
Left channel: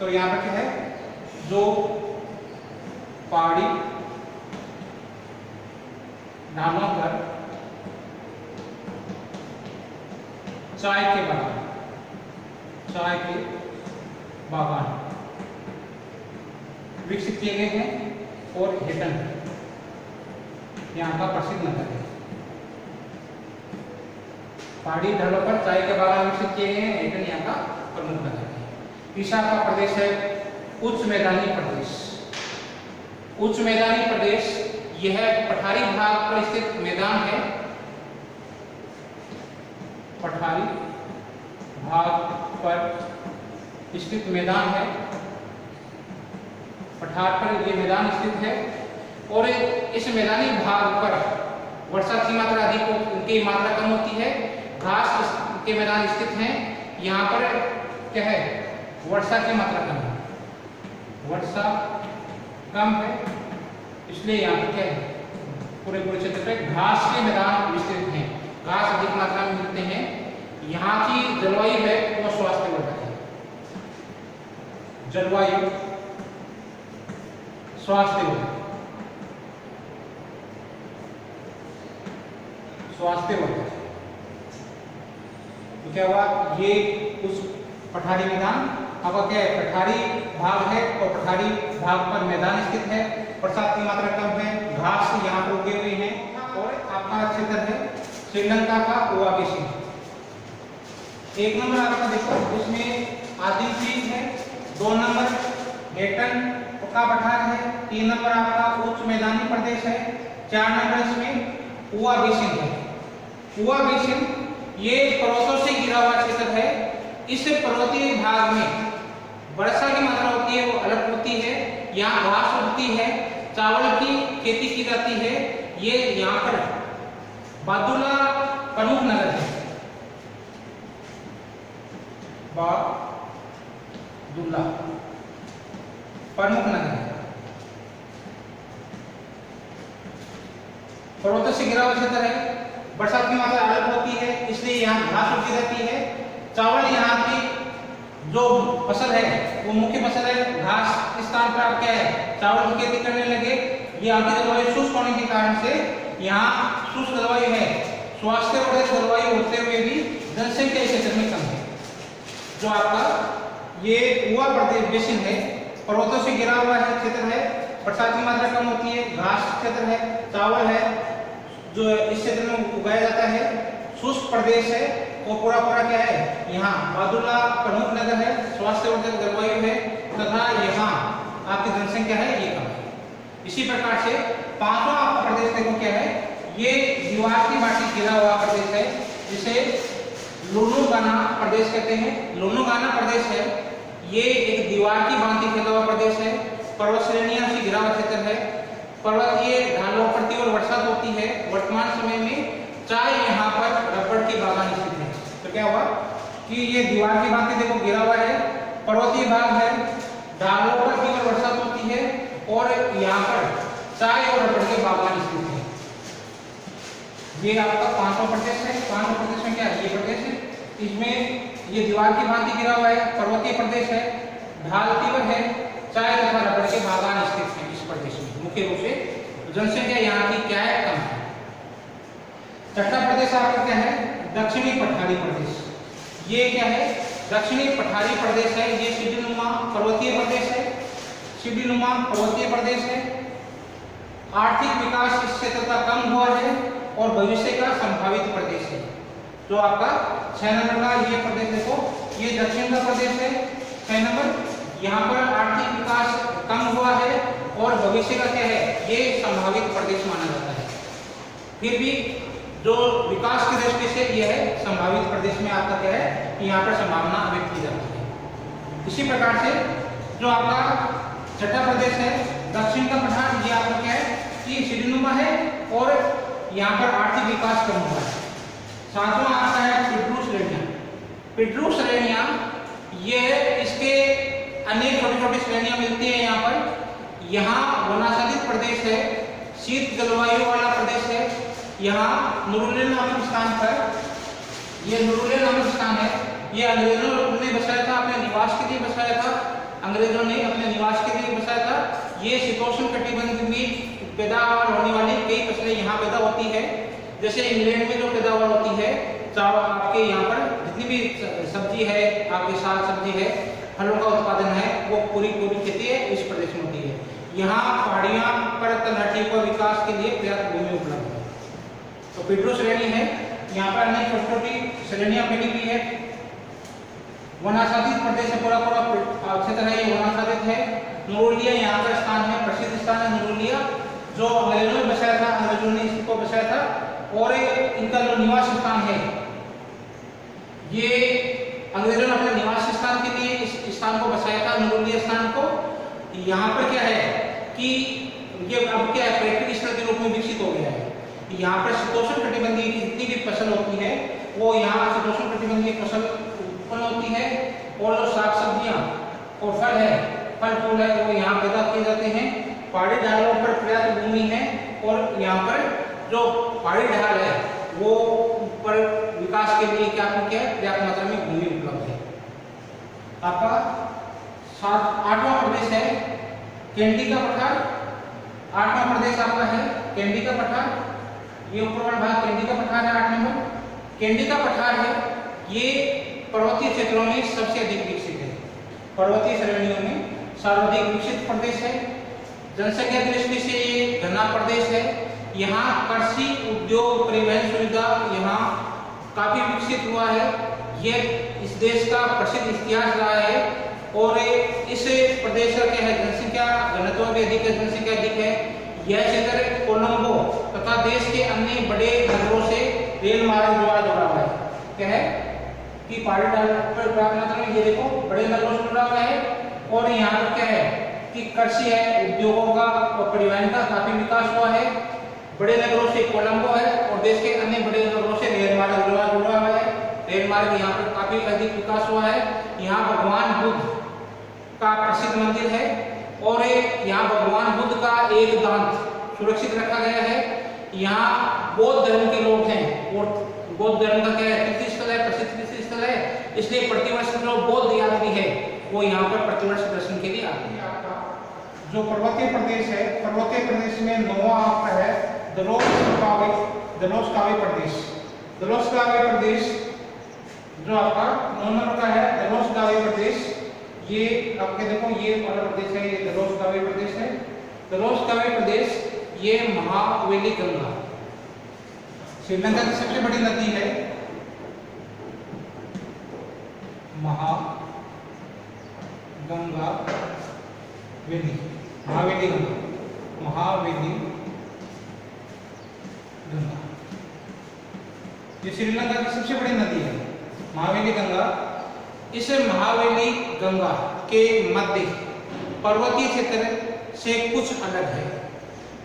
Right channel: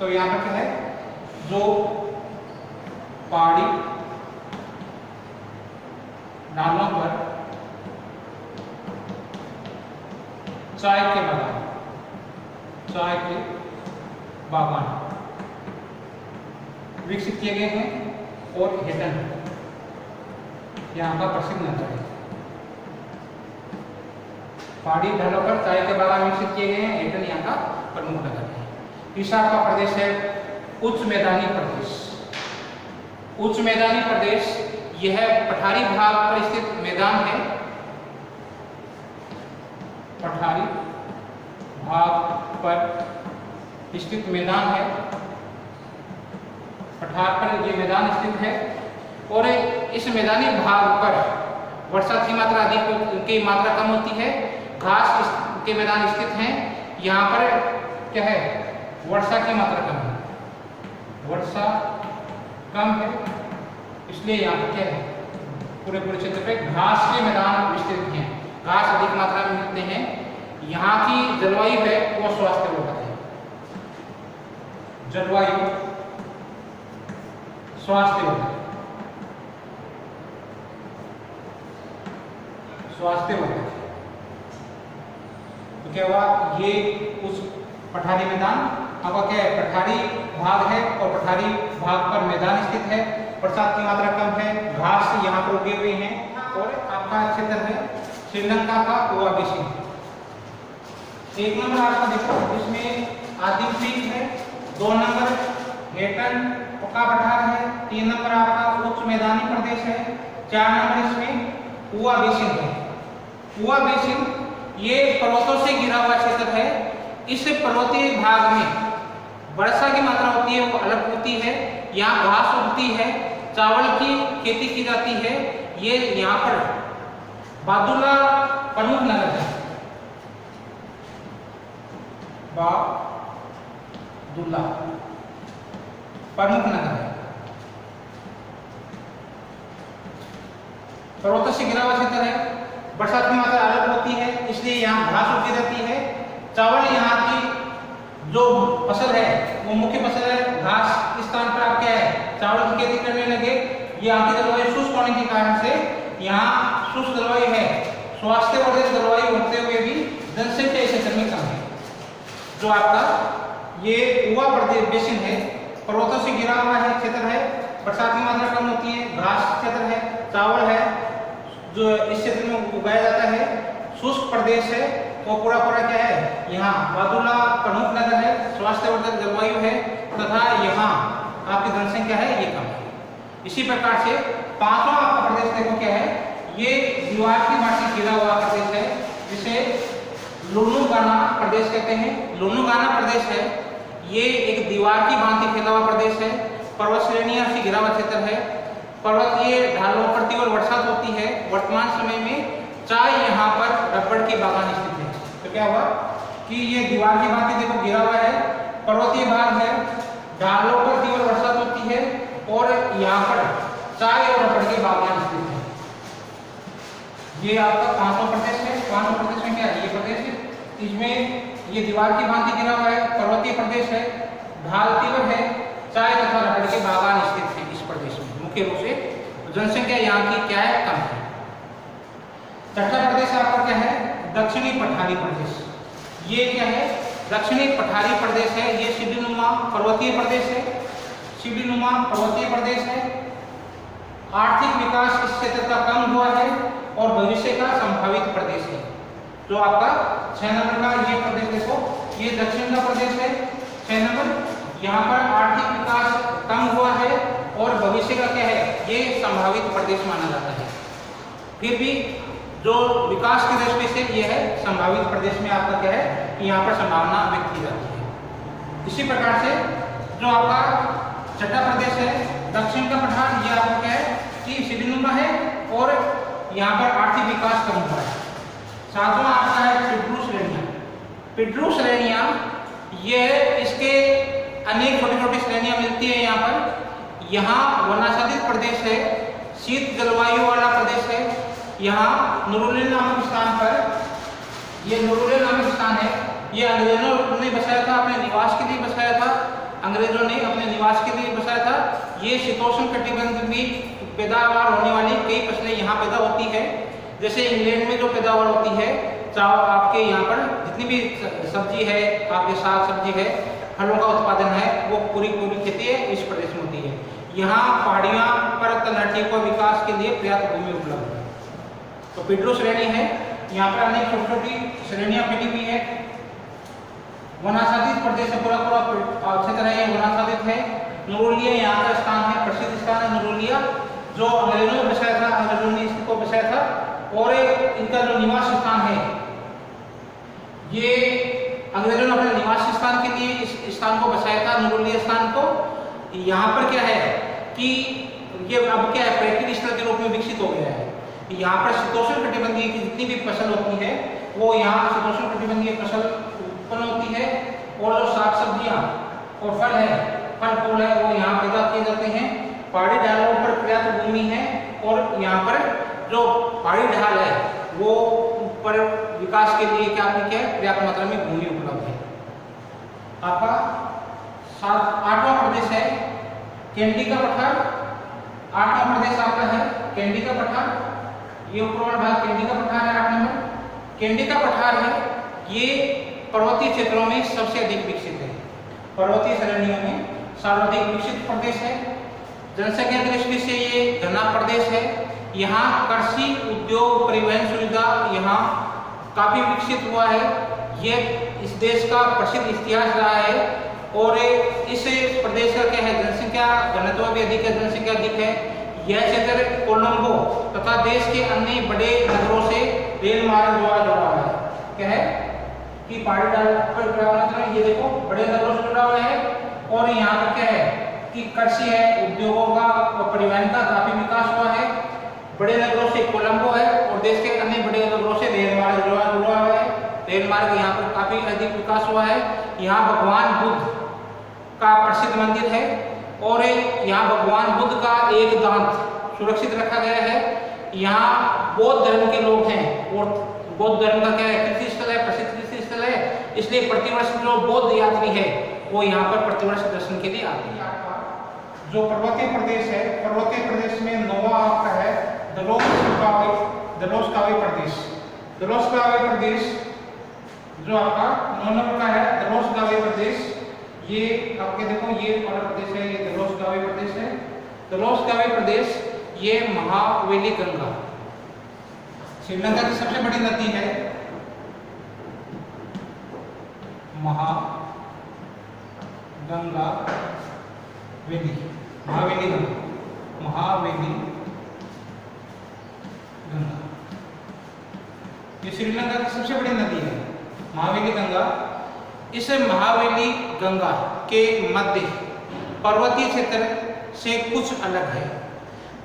तो यहाँ पर क्या है, जो पहाड़ी ढालों पर चाय के बागान विकसित किए गए हैं और हेटन यहाँ का प्रसिद्ध नगर है। पहाड़ी ढालों पर चाय के बागान विकसित किए गए हैं, हेटन यहाँ का प्रमुख नगर है। तीसरा का प्रदेश है उच्च मैदानी प्रदेश। उच्च मैदानी प्रदेश यह पठारी भाग पर स्थित मैदान है। पठारी भाग पर स्थित मैदान है। पठार पर ये मैदान स्थित है और इस मैदानी भाग पर वर्षा की मात्रा अधिक की मात्रा कम होती है। घास के मैदान स्थित हैं। यहाँ पर क्या है, वर्षा की मात्रा कम है, वर्षा कम है, इसलिए यहाँ पर क्या है, पूरे क्षेत्र पे घास के मैदान विस्तृत हैं। घास अधिक मात्रा में मिलते हैं। यहाँ की जलवायु है वो स्वास्थ्यवर्धक है। जलवायु स्वास्थ्यवर्धक तो क्या हुआ, ये उस पठारी मैदान आपका क्या है, पठारी भाग है और पठारी भाग पर मैदान स्थित है, बरसात की मात्रा कम है, घास यहाँ पर उगे हुए हैं और आपका क्षेत्र है श्रीलंका का गोवा बेसिन। एक नंबर आपका देखो इसमें आदिम क्रीक है, 2 नंबर हेटन का पठार है, 3 नंबर आपका उच्च मैदानी प्रदेश है, 4 नंबर इसमें गोवा बेसिन है। गोवा बेसिन ये पर्वतों से घिरा हुआ क्षेत्र है। इस पर्वतीय भाग में वर्षा की मात्रा होती है वो अलग होती है, यहाँ घास उगती है, चावल की खेती की जाती है। ये यहाँ पर बादुला प्रमुख नगर है, बादुला प्रमुख नगर है। पर्वतों से घिरा हुआ क्षेत्र है, बरसात की मात्रा अलग होती है, इसलिए यहाँ घास उगती रहती है। चावल यहाँ की जो फसल है वो मुख्य फसल है। घास स्थान पर आप क्या है, चावल की खेती करने लगे। ये आपकी जलवायु शुष्क होने के कारण से यहाँ शुष्क जलवायु है, स्वास्थ्य वर्धक जलवायु होते हुए भी जनसंख्या इस क्षेत्र में कम है। जो आपका ये गोवा प्रदेश बेसिन है, पर्वतों से घिरा हुआ है क्षेत्र है, बरसात की मात्रा कम होती है, घास क्षेत्र है, चावल है जो इस क्षेत्र में उगाया जाता है, शुष्क प्रदेश है वो पूरा क्या है, यहाँ बादुला प्रमुख नगर है, स्वास्थ्यवर्धक जलवायु है तथा यहाँ आपकी जनसंख्या है ये कम है। इसी प्रकार से पांचवा आपका प्रदेश देखो क्या है, ये दीवार की भांति घिरा हुआ प्रदेश है जिसे लुनुगाना प्रदेश कहते हैं। लुनुगाना प्रदेश है, ये एक दीवार की भांति घिरा हुआ प्रदेश है, पर्वत श्रेणियों से घिरा हुआ क्षेत्र है, पर्वतीय ढालों पर तीव्र वर्षा होती है। वर्तमान समय में चाय यहाँ पर रबड़ की बागान स्थित है। तो क्या हुआ कि ये दीवार की भांति देखो घिरा हुआ है, पर्वतीय भाग है, ढालों पर तीव्र वर्षा होती है और यहाँ पर चाय और रबड़ के बागान स्थित है। ये आपका 5वां प्रदेश है। 5वां प्रदेश में क्या है, ये प्रदेश है, इसमें ये दीवार की भांति घिरा हुआ है, पर्वतीय प्रदेश है, ढाल तीव्र है, चाय तथा रबड़ के बागान स्थित है। इस प्रदेश में मुख्य रूप से जनसंख्या यहाँ की क्या है, कम है। छठा प्रदेश आपका क्या है, दक्षिणी पठारी प्रदेश। ये क्या है, दक्षिणी पठारी प्रदेश है, ये सीढ़ीनुमा पर्वतीय प्रदेश है, सीढ़ीनुमा पर्वतीय प्रदेश है। आर्थिक विकास इस क्षेत्र का कम हुआ है और भविष्य का संभावित प्रदेश है। जो आपका 6 नंबर का ये प्रदेश देखो, ये दक्षिण का प्रदेश है। 6 नंबर यहाँ पर आर्थिक विकास कम हुआ है और भविष्य का क्या है, ये संभावित प्रदेश माना जाता है। फिर भी जो विकास की दृष्टि से ये है संभावित प्रदेश में आपका क्या है, यहाँ पर संभावना व्यक्त की जाती है। इसी प्रकार से जो आपका छठा प्रदेश है दक्षिण का पठार, ये आपका क्या है कि सीढ़ीनुमा है और यहाँ पर आर्थिक विकास कम हुआ है। 7वां आपका है पिड्रू श्रेणियां। पिड्रू श्रेणियां ये इसके अनेक छोटी छोटी श्रेणियां मिलती है यहाँ पर। यहाँ वनाच्छादित प्रदेश है, शीत जलवायु वाला प्रदेश है। यहाँ नुरुलेन नामक स्थान पर, ये नुरुलेन नामक स्थान है, ये अंग्रेजों ने बसाया था, अपने निवास के लिए बसाया था। अंग्रेजों ने अपने निवास के लिए बसाया था। ये शीतोष्ण कटिबंध में पैदावार होने वाली कई फसलें यहाँ पैदा होती है। जैसे इंग्लैंड में जो पैदावार होती है, चाहे आपके यहाँ पर जितनी भी सब्जी है, आपके साग सब्जी है, फलों का उत्पादन है, वो पूरी खेती है इस प्रदेश में होती है। यहाँ पहाड़ियाँ पर तलहटी को विकास के लिए पर्याप्त भूमि उपलब्ध है। तो पिड्रू श्रेणी है, यहाँ पर अनेक छोटी छोटी श्रेणियां फैली हुई है। वनाच्छादित प्रदेश है, पूरा क्षेत्र है ये वनाच्छादित है। नुरुलिया यहाँ का स्थान है, प्रसिद्ध स्थान है नुरुलिया, जो अंग्रेजों ने बसाया था, अंग्रेजों ने इसको बसाया था। और इनका जो निवास स्थान है, ये अंग्रेजों ने अपने निवास स्थान के लिए इस स्थान को बसाया था, नुरुलिया स्थान को। यहाँ पर क्या है कि ये अब क्या है, पर्यटन स्थल के रूप में विकसित हो गया है। यहाँ पर शीतोष्ण कटिबंधीय की जितनी भी फसल होती है वो यहाँ शीतोष्ण कटिबंधीय फसल उत्पन्न होती है। और जो साग सब्जियाँ और फल है, फल फूल है, वो यहाँ पैदा किए जाते हैं। पहाड़ी ढालों पर पर्याप्त भूमि है और यहाँ पर जो पहाड़ी ढाल है वो पर विकास के लिए क्या है, पर्याप्त मात्रा में भूमि उपलब्ध है। आपका 8वां प्रदेश है कैंडी का पठार। 8वां प्रदेश आपका है कैंडी का पठार। ये ऊपर वाला भाग कैंडी का पठार है। 8 नंबर कैंडी का पठार है, ये पर्वतीय क्षेत्रों में सबसे अधिक विकसित है। पर्वतीय श्रेणियों में सर्वाधिक विकसित प्रदेश है। जनसंख्या की दृष्टि से ये घना प्रदेश है। यहाँ कृषि, उद्योग, परिवहन सुविधा यहाँ काफी विकसित हुआ है। यह इस देश का प्रसिद्ध इतिहास रहा है और इस प्रदेश का क्या है, जनसंख्या घनत्व भी अधिक है, जनसंख्या अधिक है। यह क्षेत्र कोलंबो तथा देश के अन्य बड़े नगरों से रेल मार्ग द्वारा जुड़ा हुआ है। क्या है कि पहाड़ी पर ये देखो बड़े नगरों से जुड़ा हुआ है और यहाँ पर क्या है कि कृषि है, उद्योगों का और परिवहन का काफी विकास हुआ है। बड़े नगरों से कोलंबो है और देश के अन्य बड़े नगरों से रेल मार्ग जुड़ा हुआ है। रेल मार्ग यहाँ पर काफी अधिक विकास हुआ है। यहाँ भगवान बुद्ध का प्रसिद्ध मंदिर है और यहाँ भगवान बुद्ध का एक दांत सुरक्षित रखा गया है। यहाँ बौद्ध धर्म के लोग हैं और बौद्ध धर्म का क्या है, तीर्थ स्थल है, प्रसिद्ध तीर्थ स्थल है। इसलिए प्रतिवर्ष जो बौद्ध यात्री है वो यहाँ पर प्रतिवर्ष दर्शन के लिए आते हैं। जो पर्वतीय प्रदेश है, पर्वतीय प्रदेश में नौवां आपका है दलोस्कावी प्रदेश। दलोस्कावी प्रदेश जो आपका 9 नंबर का है, दलोस्कावी प्रदेश। ये आपके देखो ये वाला प्रदेश है, ये दलोस्कावी प्रदेश है। दलोस्कावी प्रदेश ये महावेली गंगा, श्रीलंका की सबसे बड़ी नदी है महावेली गंगा ये श्रीलंका की सबसे बड़ी नदी है महावेली गंगा। इस महावेली गंगा के मध्य पर्वतीय क्षेत्र से कुछ अलग है।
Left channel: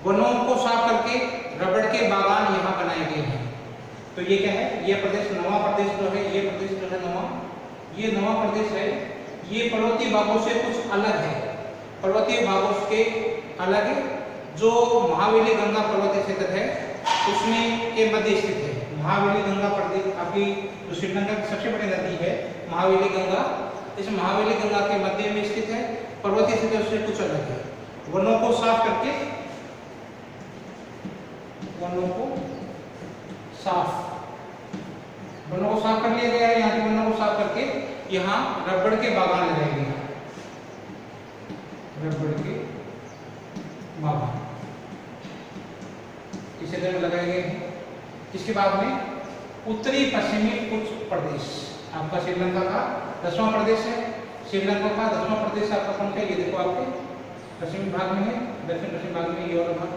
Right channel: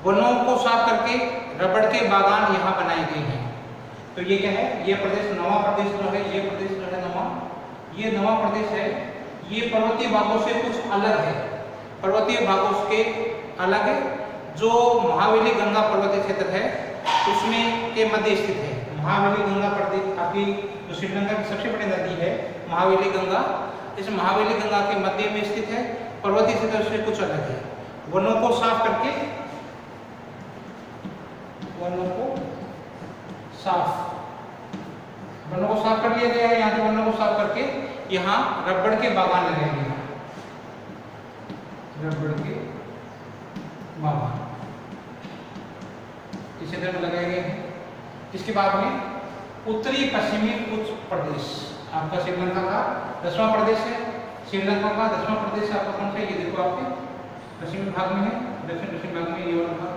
वनों को साफ करके रबड़ के बागान यहाँ बनाए गए हैं। तो ये क्या है, ये प्रदेश नवा प्रदेश जो है, ये प्रदेश जो है ये नवा प्रदेश है। ये पर्वतीय भागों से कुछ अलग है, पर्वतीय भागों के अलग है। जो महावेली गंगा पर्वतीय क्षेत्र है उसमें के मध्य स्थित है। महावेली गंगा प्रदेश आपकी जो श्रीलंका की सबसे बड़ी नदी है महावेली गंगा, इस महावेली गंगा के मध्य में स्थित है। पर्वतीय क्षेत्र से कुछ अलग है। वनों को साफ करके वनों को साफ कर लिया गया है। यहाँ पे वनों को साफ करके यहाँ रबड़ के बागान लगाए गए हैं, रबड़ के बागान इस क्षेत्र में लगाए गए हैं। इसके बाद में उत्तरी पश्चिमी कुछ प्रदेश आपका श्रीलंका का 10वां प्रदेश है। श्रीलंका का 10वां प्रदेश आपका कौन सा है, ये देखो आपके पश्चिमी भाग में है, दक्षिण भाग में ये वाला भाग।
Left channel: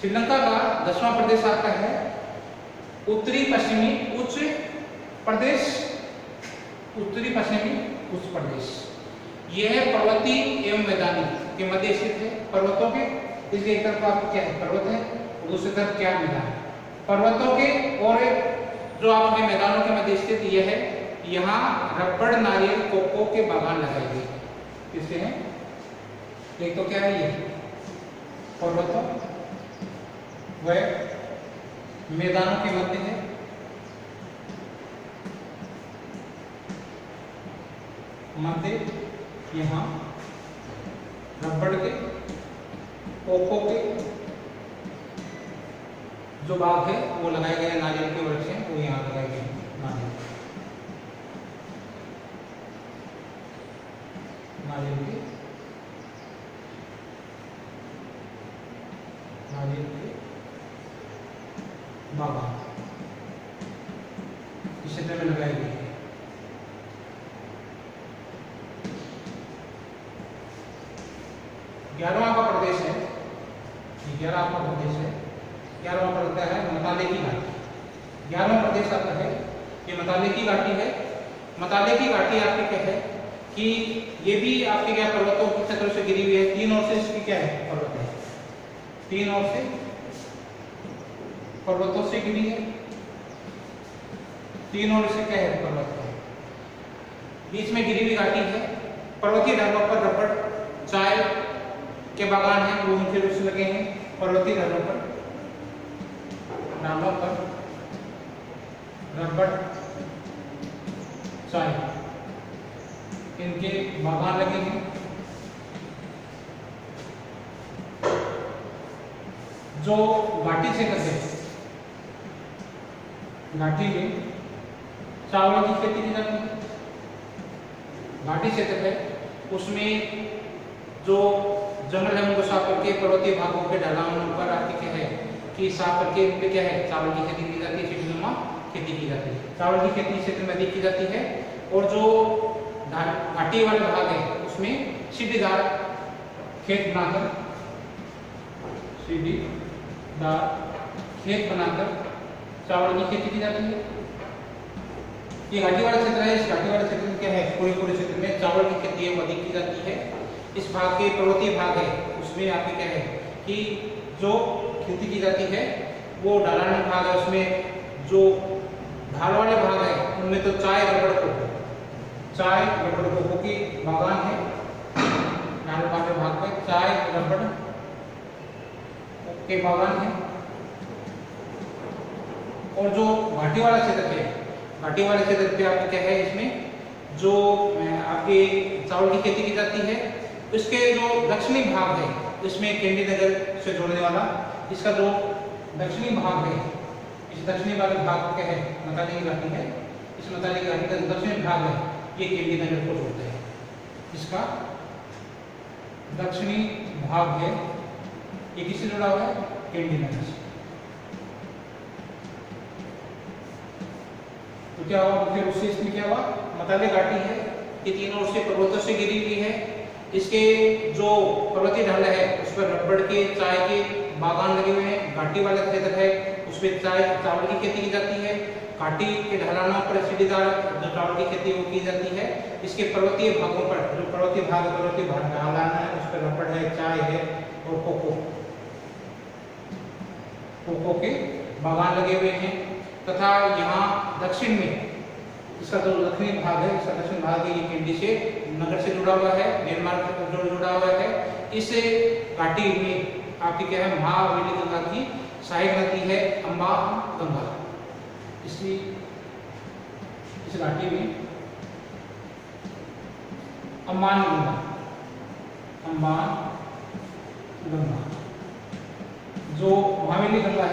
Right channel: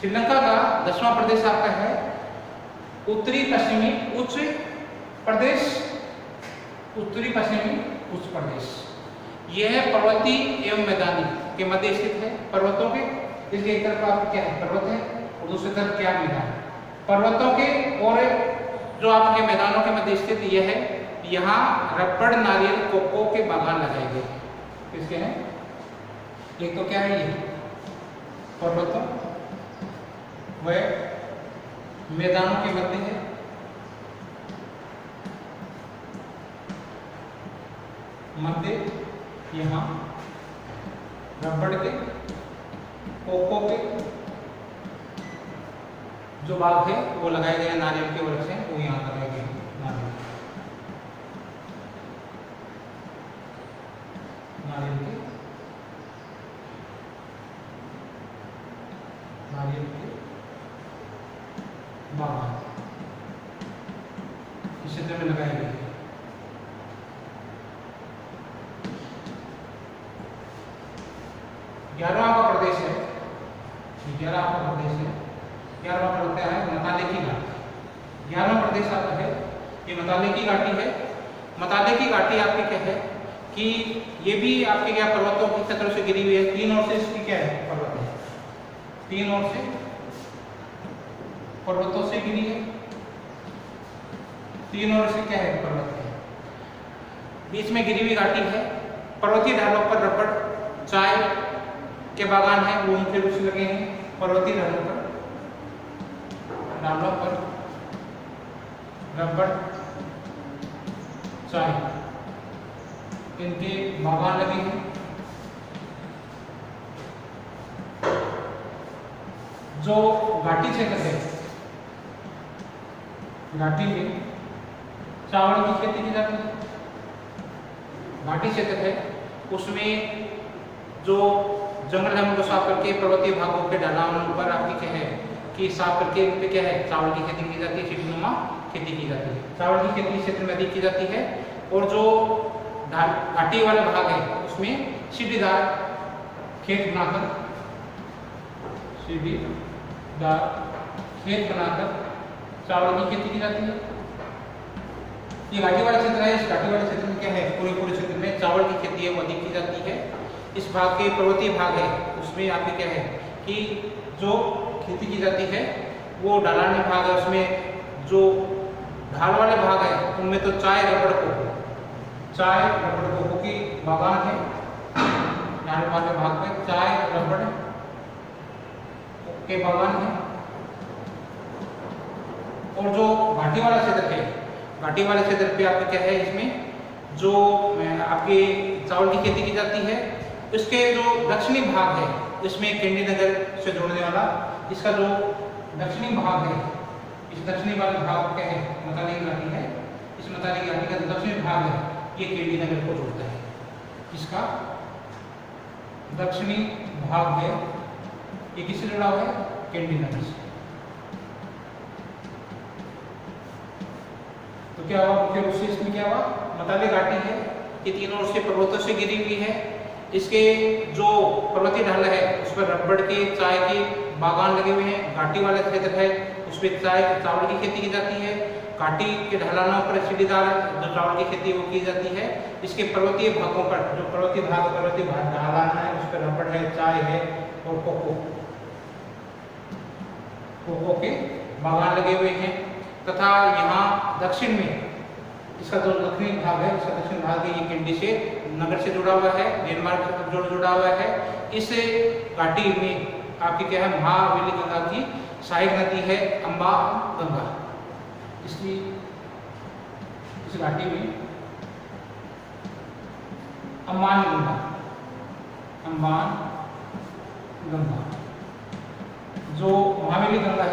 श्रीलंका का 10वां प्रदेश आपका है उत्तरी पश्चिमी उच्च प्रदेश। उत्तरी पश्चिमी उच्च प्रदेश यह पर्वतीय एवं मैदानी के मध्य स्थित है। पर्वतों के इसलिए एक तरफ आपको क्या है, पर्वत है और दूसरी तरफ क्या मैदान। पर्वतों के और जो आपके मैदानों के मध्य स्थित यह है। यहाँ रबड़, नारियल, कोको के बागान लगाए गए हैं। किसके हैं, एक तो क्या है ये पर्वतों व मैदानों के मध्य है। मध्य यहाँ रबड़ के, कोको के जो बाग है वो लगाए गए, नारियल के वृक्ष हैं वो यहाँ लगाए गए नारियल के बागान इस क्षेत्र में लगाए गए। 11वां का प्रदेश है, 11वां का प्रदेश है। 11वां पर होता है मताले की घाटी। 11वां प्रदेश आता है ये मताले की घाटी है। मताले की घाटी आपकी क्या है कि ये भी आपके क्या पर्वतों की सतह से गिरी हुई है। 3 ओर से इसकी क्या है, पर्वत है, 3 ओर से पर्वतों से गिरी है, 3 ओर से क्या है, पर्वत है। बीच में गिरी हुई घाटी है। पर्वतीय ढालों पर रबड़, चाय के बागान हैं, वो मुख्य रूप से लगे हैं। पर्वतीय ढालों पर रबड़, चाय इनके बागान लगे हैं। जो घाटी क्षेत्र है घाटी में चावल की खेती की जाती है। घाटी क्षेत्र है उसमें जो जंगल है उनको साफ करके पर्वतीय भागों के ढलानों पर आपकी क्या है कि साफ करके उन पे क्या है चावल की खेती की जाती है, सीढ़ीनुमा खेती की जाती है। चावल की खेती क्षेत्र में अधिक की जाती है और जो घाटी वाला भाग है उसमें सीढ़ीदार खेत बनाकर चावल की खेती की जाती है। ये घाटी वाला क्षेत्र है, इस घाटी वाले क्षेत्र में क्या है पूरे क्षेत्र में चावल की खेती अधिक की जाती है। इस भाग के पर्वतीय भाग है उसमें यहाँ पे क्या है कि जो खेती की जाती है वो ढलान भाग है, उसमें जो ढाल वाले भाग है उनमें तो चाय रबड़ कोको की बागान है। ढाल वाले भाग में चाय रबड़ के बागान है। और जो घाटी वाला क्षेत्र है, घाटी वाले क्षेत्र पे आपको क्या है इसमें जो आपके चावल की खेती की जाती है। इसके जो दक्षिणी भाग है इसमें कैंडी नगर से जोड़ने वाला इसका जो दक्षिणी भाग है, इस दक्षिणी वाले भाग को क्या है मताली घाटी है। इस मताली घाटी का जो दक्षिणी भाग है ये कैंडी नगर को जोड़ता है। इसका दक्षिणी भाग है ये किससे जुड़ा हुआ है कैंडी नगर से। तो क्या हुआ फिर उससे इसमें क्या हुआ मताली घाटी है ये तीनों ओर से पर्वतों से घिरी हुई है। इसके जो पर्वतीय ढाल है उस पर रबड़ के चाय के बागान लगे हुए हैं। घाटी वाला क्षेत्र है उसमें चावल की खेती की जाती है। घाटी के ढलानों पर सीढ़ीदार जो चावल की खेती वो की जाती है। इसके पर्वतीय भागों पर जो पर्वतीय भाग ढलान है उस पर रबड़ है, चाय है और कोको के बागान लगे हुए हैं। तथा यहाँ दक्षिण में इसका जो दक्षिणी भाग है इसका दक्षिण भाग है ये कैंडी से नगर से जुड़ा हुआ है, डेनमार्क से जो जुड़ा हुआ है। इस घाटी में आपकी क्या है महावेली गंगा की सहायक नदी है अम्बा गंगा। इस घाटी में अम्बान गंगा जो महावेली गंगा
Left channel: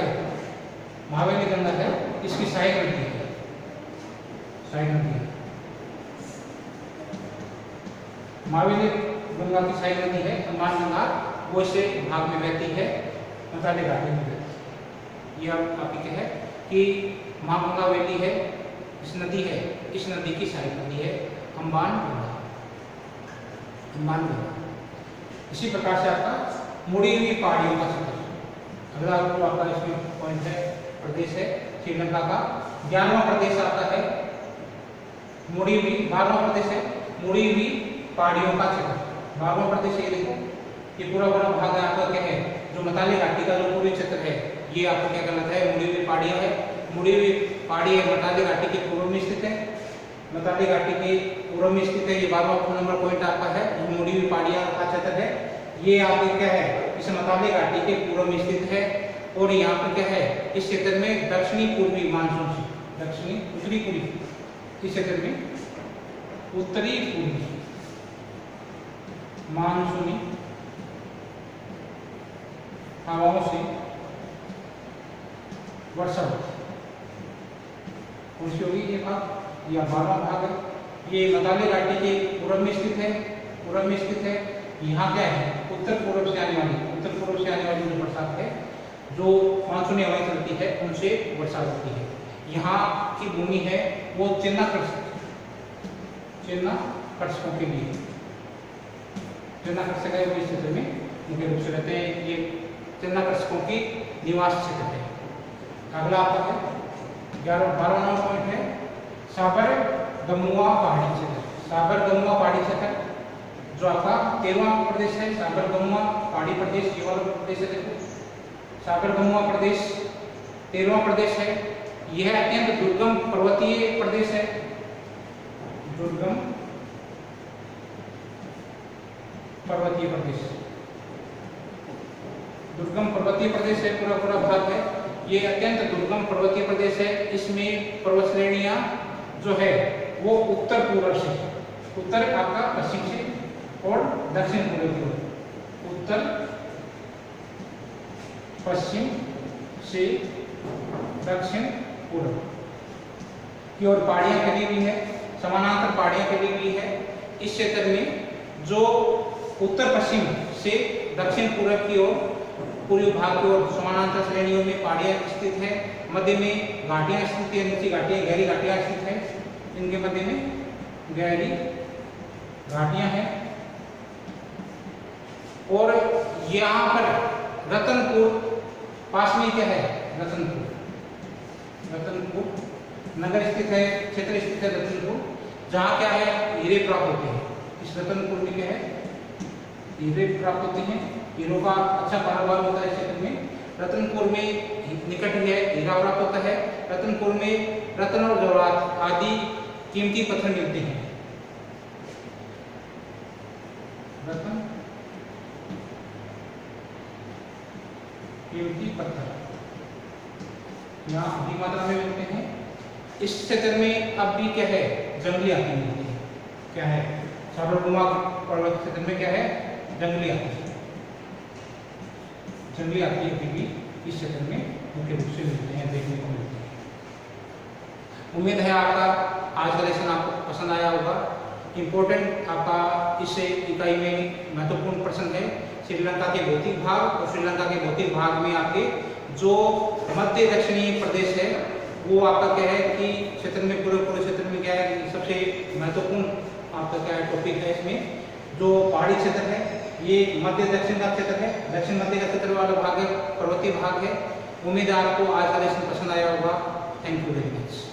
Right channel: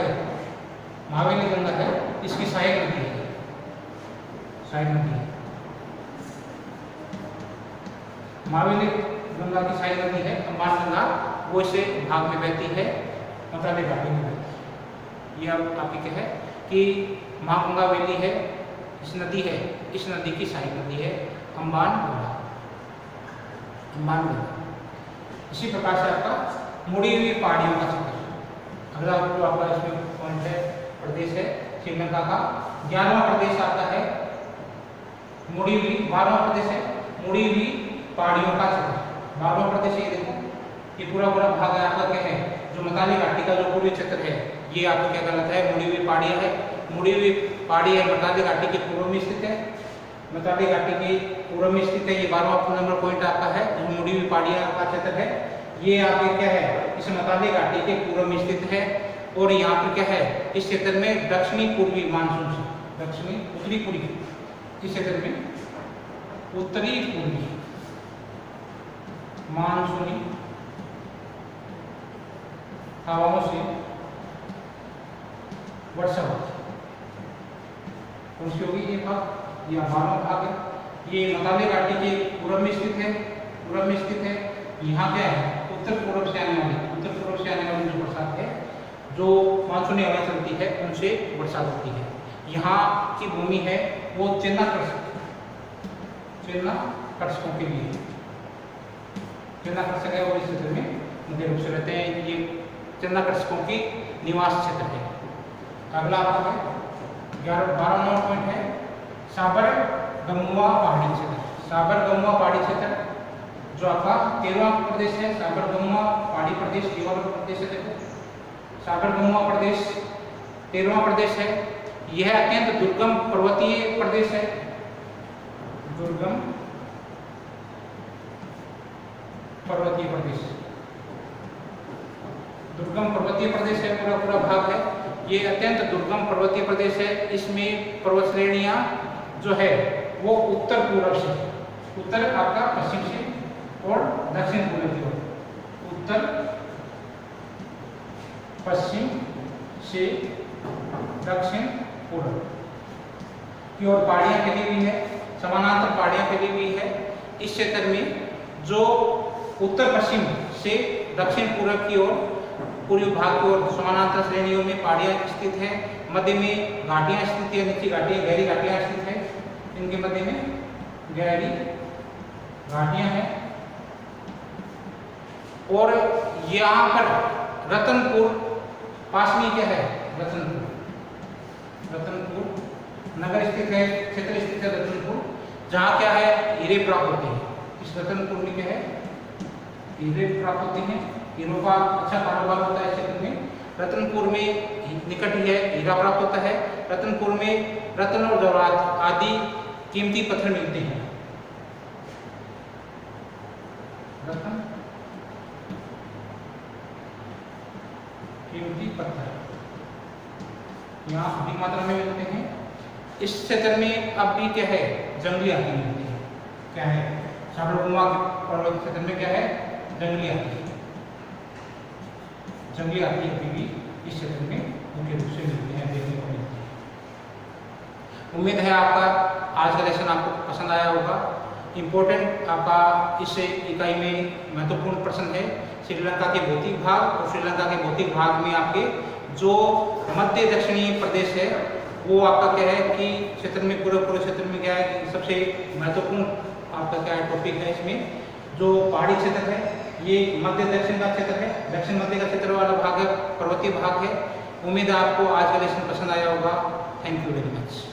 है इसकी सहायक नदी है। महावेली गंगा की सहायक नदी है अम्बान गंगा, वो इसे भाग में बहती है मताली घाटी में बहती है। यह आपकी क्या है कि महागंगा वैली है, इस नदी की सहायक नदी है अम्बान गंगा। इसी प्रकार से आपका मुड़ी हुई पहाड़ियों का क्षेत्र। अगला जो आपका इसमें पॉइंट है प्रदेश है श्रीलंका का 11वां प्रदेश आता है मुड़ी हुई, 12वां प्रदेश है मुड़ी हुई पहाड़ियों का क्षेत्र। 12वां प्रदेश ये देखो ये पूरा भाग यहाँ पर क्या है जो मताली घाटी का जो पूर्वी क्षेत्र है ये आपको क्या कहलाता है मुड़ी हुई पहाड़ियाँ है। मुड़ी हुई पहाड़ी है मताली घाटी के पूर्व में स्थित है। मताली घाटी के पूर्व में स्थित है। ये 12वां नंबर पॉइंट आपका है जो मुड़ी हुई पहाड़ियाँ का क्षेत्र है। ये आपके क्या है इस मताली घाटी के पूर्व में स्थित है। और यहाँ पे क्या है इस क्षेत्र में दक्षिणी पूर्वी मानसून दक्षिणी उत्तरी पूर्वी, इस क्षेत्र में उत्तरी पूर्वी मानसूनी हवाओं से वर्षा होती होगी। ये भाग या 12वां भाग है ये मताली घाटी के पूर्व में स्थित है। यहाँ क्या है उत्तर पूर्व से आने वाली जो बरसात है जो मानसूनी हवाएं चलती है उनसे वर्षा होती है। यहाँ की भूमि है वो कर्षकों के लिए कर्षक है वो इस क्षेत्र में मुख्य रूप से रहते हैं। ये कर्षकों की निवास क्षेत्र है। अगला आपका है 12 नंबर पॉइंट है साबर गमुआ पहाड़ी क्षेत्र जो आपका 13वां प्रदेश है। साबर गमुआ पहाड़ी प्रदेश ये वाला प्रदेश है। देखो साबर गमुआ प्रदेश 13वां प्रदेश है। यह अत्यंत दुर्गम पर्वतीय प्रदेश है। दुर्गम पर्वतीय प्रदेश है पूरा भाग है। ये अत्यंत दुर्गम पर्वतीय प्रदेश है। इसमें पर्वत श्रेणियां जो है वो उत्तर पूर्व से उत्तर आपका पश्चिम से और दक्षिण पूर्व की ओर उत्तर पश्चिम से दक्षिण पूर्व की ओर पहाड़ियां फैली हुई है, समानांतर पहाड़ियां फैली हुई है। इस क्षेत्र में जो उत्तर पश्चिम से दक्षिण पूर्व की ओर पूर्वी भाग की ओर समानांतर श्रेणियों में पहाड़ियां स्थित है, मध्य में घाटियां स्थित है, नीचे घाटियां गहरी घाटियां स्थित है, इनके मध्य में गहरी घाटियां हैं। और यहाँ पर रतनपुर पास में क्या है, रतनपुर नगर स्थित है, क्षेत्र स्थित है रतनपुर, जहाँ क्या है हीरे प्राप्त होते हैं। इस रतनपुर में क्या है, हीरे प्राप्त होते हैं, हीरों का अच्छा कारोबार होता है क्षेत्र में। रतनपुर में निकट ही है हीरा प्राप्त होता है। रतनपुर में रत्न और जवाहरात आदि कीमती पत्थर मिलते हैं। रत्न कीमती पत्थर यहाँ अधिक मात्रा में मिलते हैं। इस क्षेत्र में अब भी क्या है, जंगली हाथी मिलती है। क्या है, साबरकुमा पर्वत क्षेत्र में क्या है, जंगली हाथी अभी भी इस क्षेत्र में मुख्य रूप से मिलते हैं, देखने को मिलते हैं। उम्मीद है आपका आज का लेसन आपको पसंद आया होगा। इम्पोर्टेंट आपका इस इकाई में महत्वपूर्ण प्रश्न है श्रीलंका के भौतिक भाग, और श्रीलंका के भौतिक भाग में आपके जो मध्य दक्षिणी प्रदेश है वो आपका क्या है कि क्षेत्र में पूरे क्षेत्र में क्या है कि सबसे महत्वपूर्ण आपका क्या है टॉपिक है। इसमें जो पहाड़ी क्षेत्र है ये मध्य दक्षिण का क्षेत्र है, दक्षिण मध्य का क्षेत्र वाला भाग है, पर्वतीय भाग है। उम्मीद है आपको आज का लेसन पसंद आया होगा। Thank you very much.